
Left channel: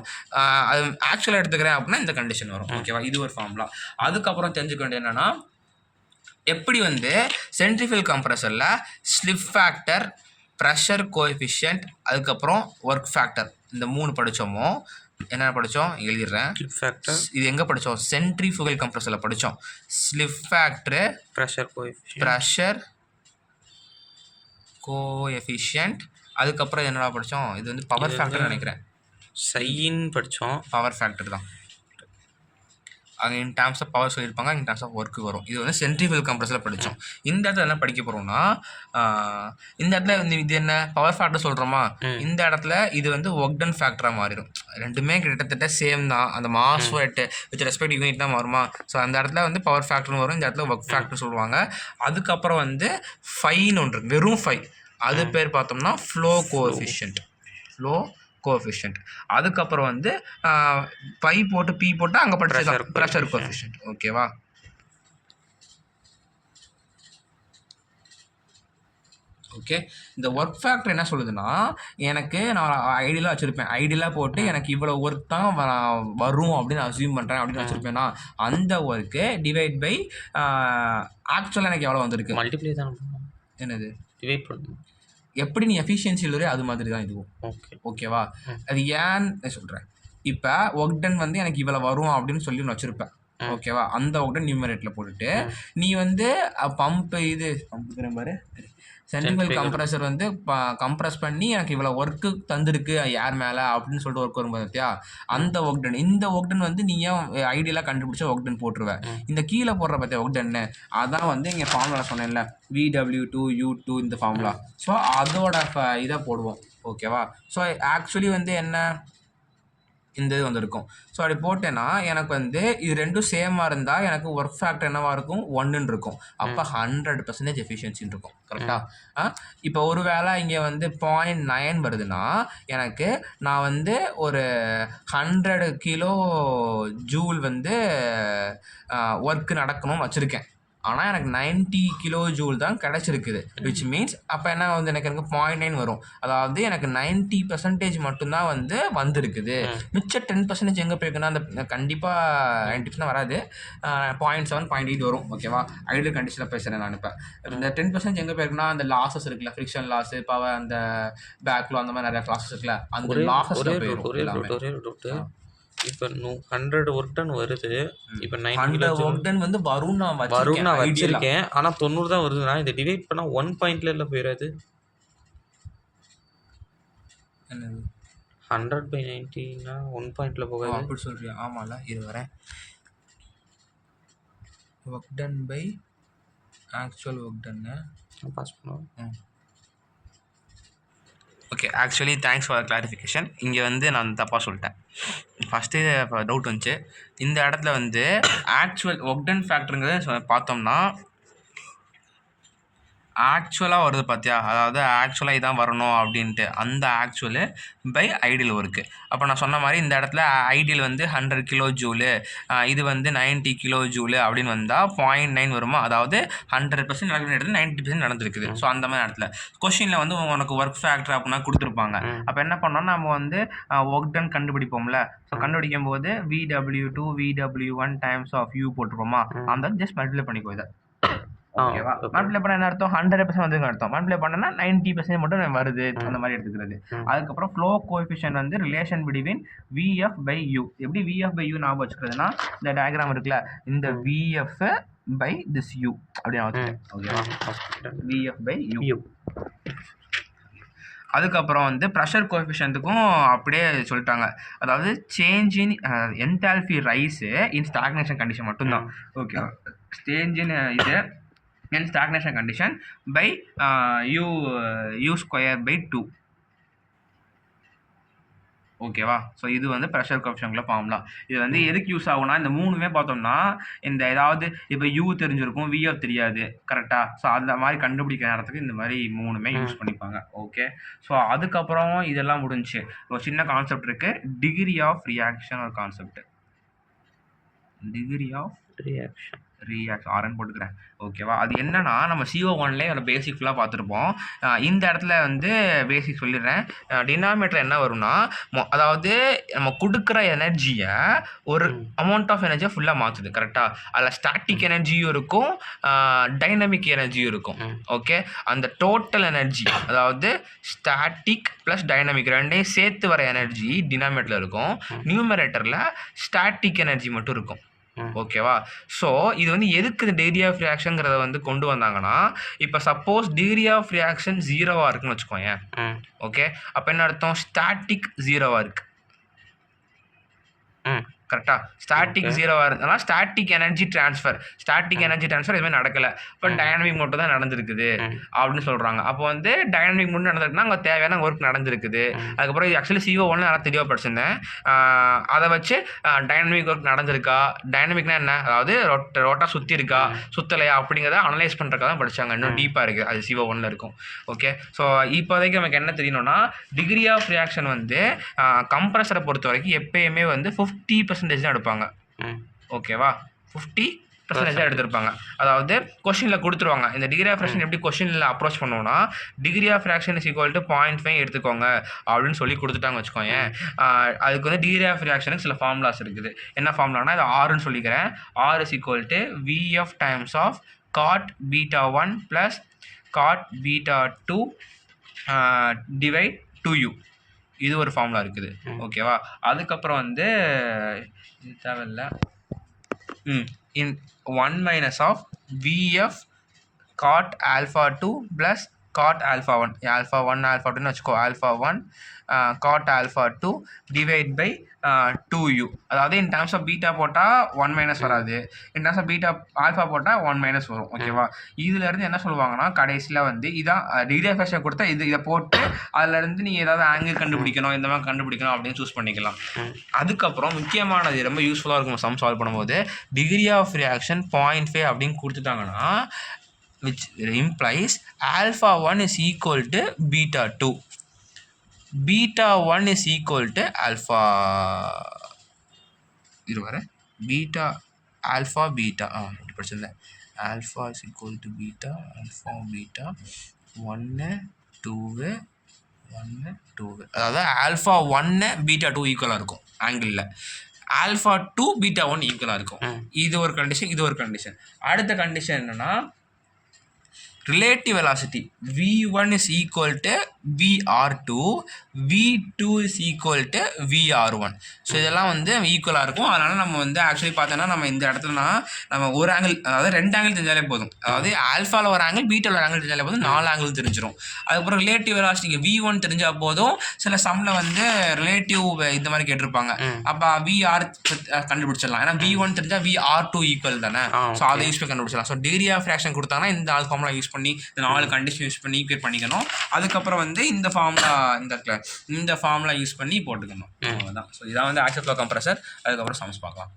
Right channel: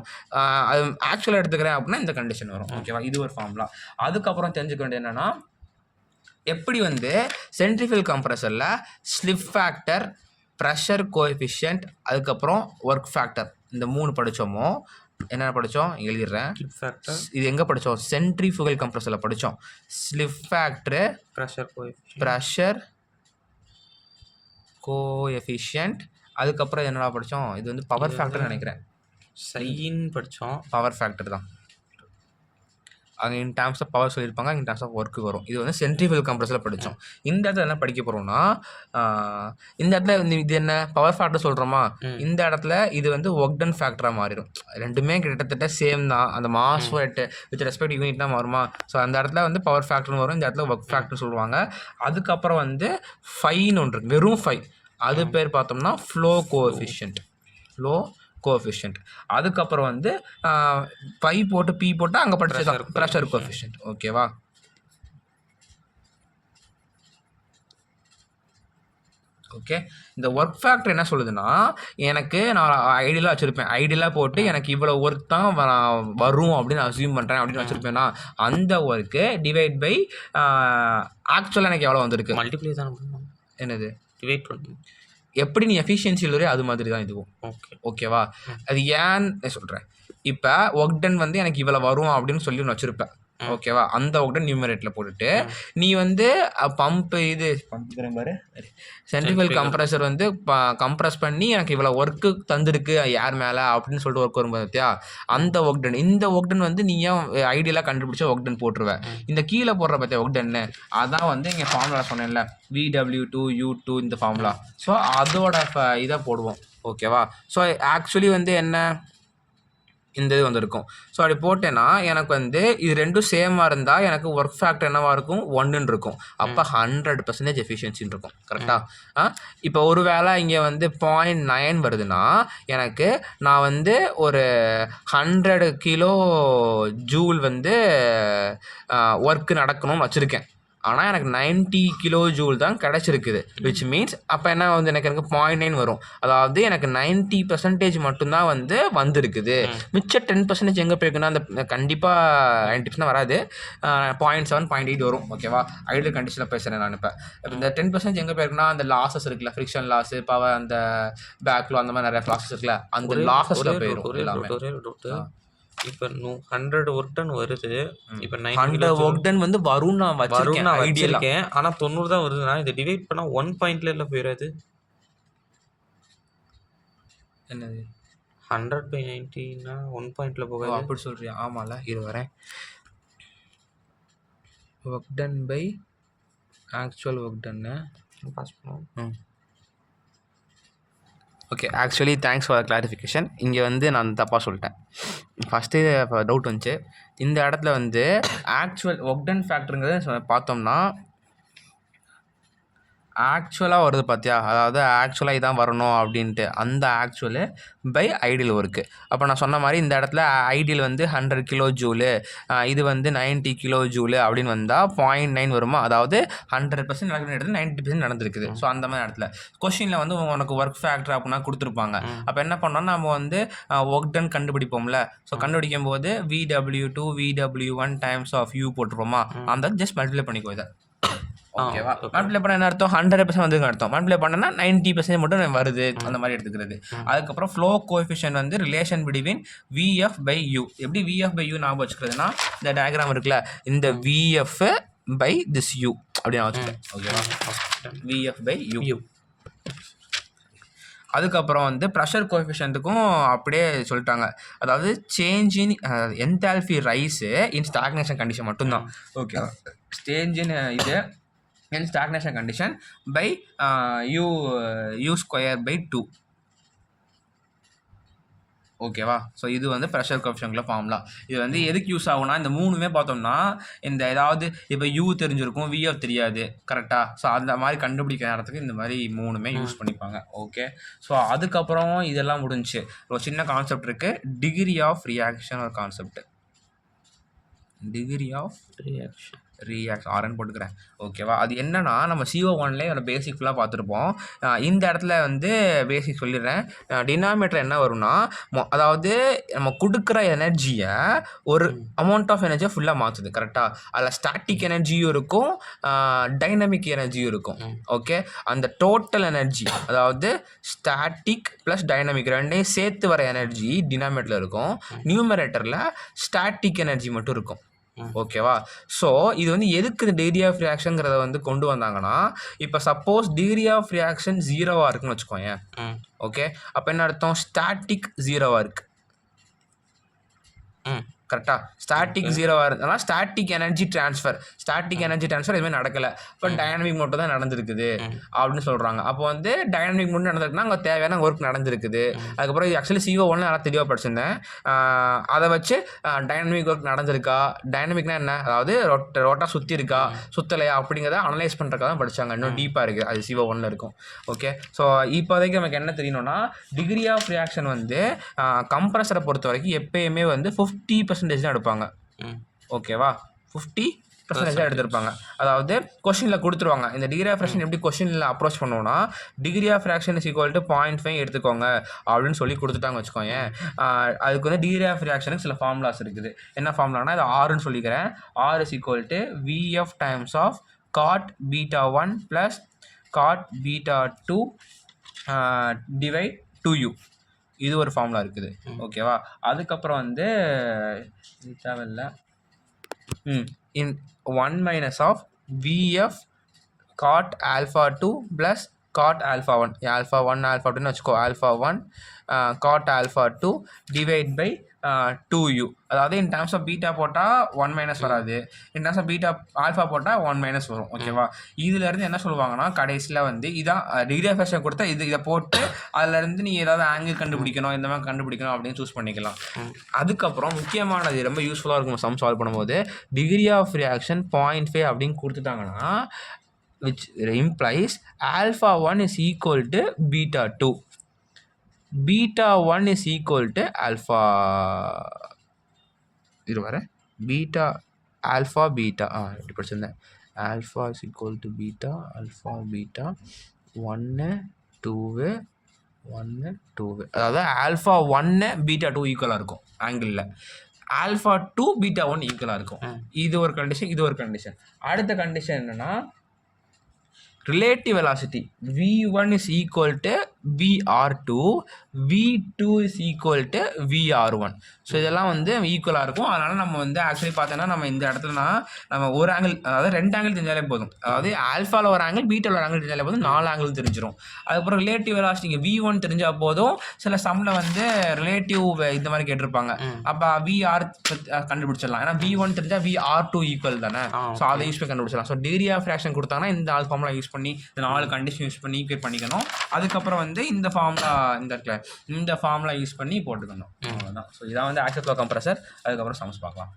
அது ஆக்சுவலாக எடுத்துக்கிறேன் அப்படின்னா இந்த கண்டிஷன் வரும். ஓகேவா? இது ஒரு ஃபார்முலா. அதுக்கப்புறம் தெரிஞ்சுக்க வேண்டியது என்னென்னா, எப்படி வந்து சென்ட்ரிஃபியூகல் கம்ப்ரஸரில் ஸ்லிப் ஃபேக்டர், ப்ரெஷர் கோஎஃபிஷியன்ட், அதுக்கப்புறம் ஒர்க் ஃபேக்டர், இந்த 3 படித்தோமோ. என்ன படித்தோம் எழுதிடுறேன். ஸ்லிப் ஃபேக்டர் இது எங்கே படித்தோம், சென்ட்ரிஃபியூகல் கம்ப்ரஸரில் படித்தோம். ஸ்லிப் ஃபேக்டரு, ப்ரெஷர் கோஎஃபிஷியன்ட், அதுக்கப்புறம் என்னடா படித்தோம், இது வந்து பவர் ஃபேக்டர் நினைக்கிறேன், சைன்னு படித்தோம். பவர் ஃபேக்டர் தான் அங்கே இன் டேர்ம்ஸ் ஆஃப் பவர் சொல்லியிருப்பாங்க, இன் டேர்ம்ஸ் ஆஃப் ஒர்க்கு வரும். இது வந்து சென்ட்ரிஃபியூகல் கம்ப்ரஸரில் படித்தோம். இந்த இடத்துல என்ன படிக்க போகிறோம்னா, இந்த இடத்துல இது என்ன பவர் ஃபேக்டர் சொல்கிறோமா, இந்த இடத்துல இது வந்து ஒர்க் டன் ஃபேக்டராக மாறிடும். ரெண்டுமே கிட்டத்தட்ட சேம் தான், அந்த mass rate with respect unit தான் வருமா. ஸோ அந்த இடத்துல வந்து பவர் ஃபேக்டர்னு வரும், இந்த இடத்துல ஒர்க் ஃபேக்டர் சொல்லுவாங்க. அதுக்கப்புறம் வந்து ஃபைன்னு ஒன்று இருக்குது, வெறும் ஃபை, அது பேர் பார்த்தோம்னா ஃப்ளோ கோஎஃபிஷியன்ட். அதுக்கப்புறம் வந்து பை போட்டு P போட்டு அங்கே படிச்ச ப்ரெஷர் கோஎஃபிஷியன்ட். ஓகேவா? ஓகே. இந்த ஒர்க் ஃபேக்டர் என்ன சொல்லுதுன்னா, எனக்கு நான் ஐடியலாக வச்சுருப்பேன், ஐடியலாக போட்டு எனக்கு இவ்வளோ ஒர்க் தான் வரும் அப்படின்னு அஸ்யூம் பண்ணுறேன் அப்படின்னு வச்சுருப்பேன்னா, அந்த ஒர்க்கு டிவைட் பை ஆக்சுவலாக எனக்கு எவ்வளோ வந்திருக்கு, மல்டிப்ளை தான் பண்ணணும். என்னது டிவைட் பண்ணணும். எப்படி நீ எஃபிஷியன்சி இல்லையோ அது மாதிரி தான் இதுவும். ஓகேவா? அது ஏன்னு சொல்கிறேன். இப்போ ஒர்க் டன் வந்து எனக்கு இவ்வளோ வரும் அப்படின்னு சொல்லி ஒன்று வச்சுருப்பேன். ஓகேவா? அந்த ஒக்டன் நியூமரேட்டர்ல போட்டுட்டு, நீ வந்து பம்புங்கிற பாரு சென்ட்ரிஃபியூகல் சென்ட்ரிஃபியூகல். கம்ப்ரசர் வந்து கம்ப்ரஸ் பண்ணி எனக்கு இவ்வளோ ஒர்க்கு தந்திருக்கு ஏர் மேல அப்படின்னு சொல்லிட்டு ஒர்க் வரும் பார்த்தியா? அந்த ஒக்டன். இந்த ஒக்டன் வந்து நீ ஏன் ஐடியலா கண்டுபிடிச்ச ஒக்டன் போட்டுருவ. இந்த கீழ போடுற பார்த்தியா ஒக்டன்னு, அதான் வந்து இங்க ஃபார்முலா சொன்னேன்ல. VW2 U2 இந்த ஃபார்முலா. ஸோ அதோட இத போடுவோம். ஓகேவா? ஸோ ஆக்சுவலி வந்து என்ன? இந்த இது வந்திருக்கும். ஸோ அப்படி போட்டேன்னா எனக்கு வந்து இது 2ம் சேமா இருந்தா எனக்கு ஒர்க் ஃபேக்டர் என்னவா இருக்கும்? 1ன்னு இருக்கும். அப்ப 100% எஃபிஷியன்சின்னு இருக்கும். கரெக்ட்டா? இப்போ ஒரு வேளை இங்க வந்து 0.9 வருதுன்னா, எனக்கு நான் வந்து ஒரு 100 கிலோ ஜூல் வந்து ஒர்க் நடக்கணும்னு வச்சிருக்கேன். ஆனா எனக்கு 90 கிலோ ஜூல் தான் கிடைச்சிருக்குது. விச் மீன்ஸ் அப்ப என்ன வந்து எனக்கு 0.9 வரும். அதாவது எனக்கு 90% மட்டும் தான் வந்து வந்திருக்குது. மிச்ச 10% எங்க போயிருக்குன்னா, அந்த கண்டிப்பா 90% வராது. 0.7, 0.8 வரும். ஓகேவா? ஐடியல் கண்டிஷன்ல பேசுறேன் நான் இப்ப. இந்த 10% எங்க போயிருக்குன்னா, அந்த லாஸஸ் இருக்குல்ல, ஃப்ரிக்ஷன் லாஸ், பவர் அந்த பேக்லோ அந்த மாதிரி நிறைய லாஸஸ் இருக்குல்ல, அந்த லாஸஸ்ல போயிரும் எல்லாமே. ஒரே ஒரு டவுட்டு. இப்போ 100 ஒர்க் டன் வருது. இப்போ 9 கிலோ 100 ஒர்க் டன் வந்து வரும்னு நான் வரும் வச்சிருக்கேன் நான் ஐடியலா. வச்சிருக்கேன். ஆனா 90 தான் வருதுன்னா, இதை டிவைட் பண்ணா 1 பாயிண்ட்ல போயிடாது? என்னது? 100/90ன்னா 1 பாயிண்ட்ல போகாது? அப்படி சொல்றியா? ஆமால, இரு வரேன். Work done by actual work டன்னு. பாஸ் பண்ணுவோம். Okay, actually thanks for clarification. இங்கே வந்து நான் தப்பாக சொல்லிட்டேன். ஃபஸ்ட்டு டவுட் வந்துச்சு. இந்த இடத்துல வந்து ஆக்சுவல் ஒர்க் டன் ஃபேக்டருங்கிறத பார்த்தோம்னா ஆக்சுவலாக வருது பார்த்தியா? அதாவது ஆக்சுவலாக இதான் வரணும் அப்படின்ட்டு. அந்த ஆக்சுவலு பை ஐடியல் ஒர்க்கு. அப்போ நான் சொன்ன மாதிரி இந்த இடத்துல ஐடியல் வந்து 100 கிலோ ஜூலு, இது வந்து 90 கிலோ ஜூலு அப்படின்னு வந்தால் 0.9 வருமா? அதாவது 100% நடக்கிற இடத்துல 90% நடந்திருக்குது. ஸோ அந்த மாதிரி இடத்துல கொஷினில் வந்து உனக்கு ஒர்க் ஃபேக்டர் அப்படின்னா கொடுத்துருப்பாங்க. அப்போ என்ன பண்ணோம்னா நம்ம வந்து ஒர்க் டன் கண்டுபிடிப்போம்ல. ஸோ கண்டுபிடிக்கும் போது VW2 VW1 times of U போட்டுருப்போமா? அந்த ஜஸ்ட் மல்டிப்ளை பண்ணிக்கோ இதை. ஓகேவா? மல்டிப்ளை பண்ண என்ன அர்த்தம்? 100% வந்துங்க அர்த்தம். மல்டிப்ளை பண்ணனா 90% மட்டும் வருது, அந்த மாதிரி எடுத்துக்கிறது. அதுக்கப்புறம் ஃப்ளோ கோஎஃபிஷியன்ட் வந்து ரிலேஷன் பிட்வீன் VF/U. எப்படி VF/U ஞாபகம் வச்சுக்கிறதுனா, இந்த டயக்ராம் இருக்குல்ல, இந்த VF பை திஸ் U அப்படி நான் வச்சுக்கிறேன். ஓகேவா? VF/U. அதுக்கப்புறம் வந்து ப்ரெஷர் கோஎஃபிஷியன்ட்டுக்கும் அப்படியே சொல்லிட்டாங்க. அதாவது change in enthalpy rice in stagnation condition மட்டும்தான். ஓகே, சேஞ்ச் இன் இது in stagnation condition by U square by 2. ஓகேவா? ஸோ இது வந்து ப்ரெஷர் கோஎஃபிஷியன்ட்ல ஃபார்முலா. இது வந்து எதுக்கு யூஸ் ஆகும்னா, இந்த 3மே பார்த்தோம்னா இந்த ஏதாவது இப்போ U தெரிஞ்சிருக்கும், VF தெரியாது. கரெக்டா? ஸோ அந்த மாதிரி கண்டுபிடிக்கிற நேரத்துக்கு இந்த மாதிரி 3மே யூஸ் பண்ணிப்பாங்க. ஓகே. ஸோ அதுக்கப்புறம் இதெல்லாம் முடிஞ்சுச்சு. ஒரு சின்ன கான்செப்ட் இருக்கு. டிகிரி ஆஃப் ரியாக்ஷன் ஒரு concept. Degree of reaction RN போட்டுக்கிறேன். ஓகேவா? அது என்னன்னா நம்ம CO1லேயே அதில் பேசிக் ஃபுல்லாக பார்த்துருப்போம். இந்த இடத்துல வந்து பேசிக் சொல்லிடுறேன். டினாமினேட்டர் என்ன வரும்னா, அதாவது நம்ம கொடுக்குற எனர்ஜியை ஒரு அமௌண்ட் ஆஃப் எனர்ஜியை ஃபுல்லாக மாற்றுது. கரெக்டாக? அதில் ஸ்டாட்டிக் எனர்ஜியும் இருக்கும், டைனமிக் எனர்ஜியும் இருக்கும். ஓகே, அந்த டோட்டல் எனர்ஜி அதாவது ஸ்டாட்டிக் ப்ளஸ் டைனமிக் ரெண்டையும் சேர்த்து வர எனர்ஜி டினாமினேட்டரில் இருக்கும். நியூமரேட்டரில் ஸ்டாட்டிக் எனர்ஜி மட்டும் இருக்கும். ஓகேவா? ஸோ இது வந்து எதுக்கு இந்த டிகிரி ஆஃப் ரியாக்ஷன்ங்கிறத வந்து கொண்டு வந்தாங்கன்னா, இப்போ சப்போஸ் டிகிரி ஆஃப் ரியாக்ஷன் 0வா இருக்குன்னு வச்சுக்கோங்க. ஓகே, அப்போ என்ன அர்த்தம்? ஸ்டாட்டிக் 0வா இருக்கு. கரெக்டா? ஸ்டாட்டிக் 0வா இருந்தாலும் ஸ்டாட்டிக் எனர்ஜி ட்ரான்ஸ்ஃபர் எதுவுமே நடக்கலை. இப்போ டைனமிக் மட்டும் தான் நடந்திருக்குது அப்படின்னு சொல்கிறாங்க. அப்போ வந்து டைனமிக் மட்டும் நடந்திருக்குன்னா அங்கே தேவையான ஒர்க் நடந்திருக்குது. அதுக்கப்புறம் இது ஆக்சுவலி CO1 நல்லா தெளிவாக படிச்சிருந்தேன். அதை வச்சு டைனமிக் ஒர்க் நடந்திருக்கா, டைனமிக்னா என்ன, அதாவது ரோட்டா சுற்றி இருக்கா சுற்றலையா அப்படிங்கிறத அனலைஸ் பண்ணுறதுக்காக தான் படித்தாங்க. இன்னும் டீப்பாக இருக்குது, அது CO1ல் இருக்கும். ஓகே, ஸோ இப்போதைக்கு நமக்கு என்ன தெரியணும்னா, டிகிரி ஆஃப் ரியாக்ஷன் வந்து கம்ப்ரஸரை பொறுத்த வரைக்கும் எப்பயுமே வந்து 50% தான் எடுப்பாங்க. ஓகேவா? 50% தான் எடுத்திருப்பாங்க. அதாவது கொஸ்டினில் கொடுத்துருவாங்க. இந்த டிகிரி ஆஃப் ரியாக்ஷன் எப்படி கொஸ்டினில் அப்ரோச் பண்ணுவோம்னா, degree of reaction is equal to 0.5 எடுத்துக்கோங்க அப்படின்னு சொல்லி கொடுத்துட்டாங்க வச்சுக்கோங்க. அதுக்கு வந்து டிகிரி ஆஃப் ரியாக்ஷனுக்கு சில ஃபார்முலாஸ் இருக்குது. என்ன ஃபார்முலானா, இது ஆர்ன்னு சொல்லிக்கிறேன். R is equal to VF times of cot β1 plus cot β2 divide 2U. இது ஒரு ஃபார்முலா இருக்குது. ஓகேவா? அதுக்கப்புறம் வந்து இது தேவையில்லை. In 1 minus of VF cot alpha 2 plus cot alpha 1 alpha 1 alpha 2 வச்சுக்கோ alpha 1 cot alpha 2 divide by 2u அதாவது in terms of beta போட்டால் 1 மைனஸ் வராது in terms of beta alpha போட்டால் 1 மைனஸ் வரும் ஓகேவா இதுலேருந்து என்ன சொல்லுவாங்கன்னா கடைசியில் வந்து இதான் டிகிரி ஆஃப் ஃப்ரீக்ஷன் கொடுத்தா இதை போட்டு அதுலேருந்து நீ ஏதாவது ஆங்கிள் கண்டுபிடிக்கணும் இந்த மாதிரி கண்டுபிடிக்கணும் அப்படின்னு சூஸ் பண்ணிக்கலாம் அதுக்கப்புறம் முக்கியமானது ரொம்ப யூஸ்ஃபுல்லாக இருக்கும் சம் சால்வ் பண்ணும்போது டிகிரி ஆஃப் ரியாக்ஷன் 0.5 அப்படின்னு கொடுத்துட்டாங்கன்னா which implies alpha 1 is equal to beta 2 beta 1 is equal to alpha beta alpha beta எப்படி படிச்சிருந்தேன் alpha is equal to beta alpha beta 1 2 அதாவது alpha 1 beta 2 ஈக்குவலாக இருக்கும் ஆங்கிளில் alpha 2 beta 1 ஈக்குவலாக இருக்கும் இது ஒரு கண்டிஷன் அடுத்த கண்டிஷன் என்னன்னா relative velocity v1 is equal to vr2 v2 is equal to vr1 so இதெல்லாம் வந்து ஈக்குவலாக இருக்கும் அதனால் நம்ம வந்து ஆக்சுவலி பார்த்தோன்னா நம்ம இந்த இடத்துலனா நம்ம ஒரு ஆங்கிள் அதாவது 2 ஆங்கிள் தெரிஞ்சாலே போதும் அதாவது ஆல்ஃபாவில் ஒரு ஆங்கிள் பீட்டாவில் ஒரு ஆங்கிள் தெரிஞ்சாலே போதும் 4 ஆங்கிள் தெரிஞ்சிடும் அதுக்கப்புறம் ரிலேட்டிவ் வெலாசிட்டிக்கு v1 தெரிஞ்சால் போதும் சில சம்மில் வந்து ரிலேட்டிவ் இந்த மாதிரி கேட்டிருப்பாங்க அப்போ vr கண்டுபிடிச்சிடலாம் ஏன்னா v1 தெரிஞ்சால் vr2 ஈக்குவல் தானே ஸோ அதை யூஸ் பண்ணி கண்டுபிடிச்சிடலாம் ஸோ டிகிரி ஆஃப் ஃப்ராக்ஷன் கொடுத்தாங்கன்னா இந்த ஆல் ஃபார்முலா யூஸ் பண்ணி இந்த 4 கண்டிஷன் யூஸ் பண்ணி ஈக்குவேட் பண்ணிக்கணும் அதுக்கப்புறம் வந்து இந்த ஃபார்முலா யூஸ் பண்ணி போட்டுக்கணும் அவ்வளோதான் ஸோ இதான் வந்து ஆக்சுவல் ஃப்ளோ கம்ப்ரஸர் அதுக்கப்புறம் சம்ஸ் பார்க்கலாம்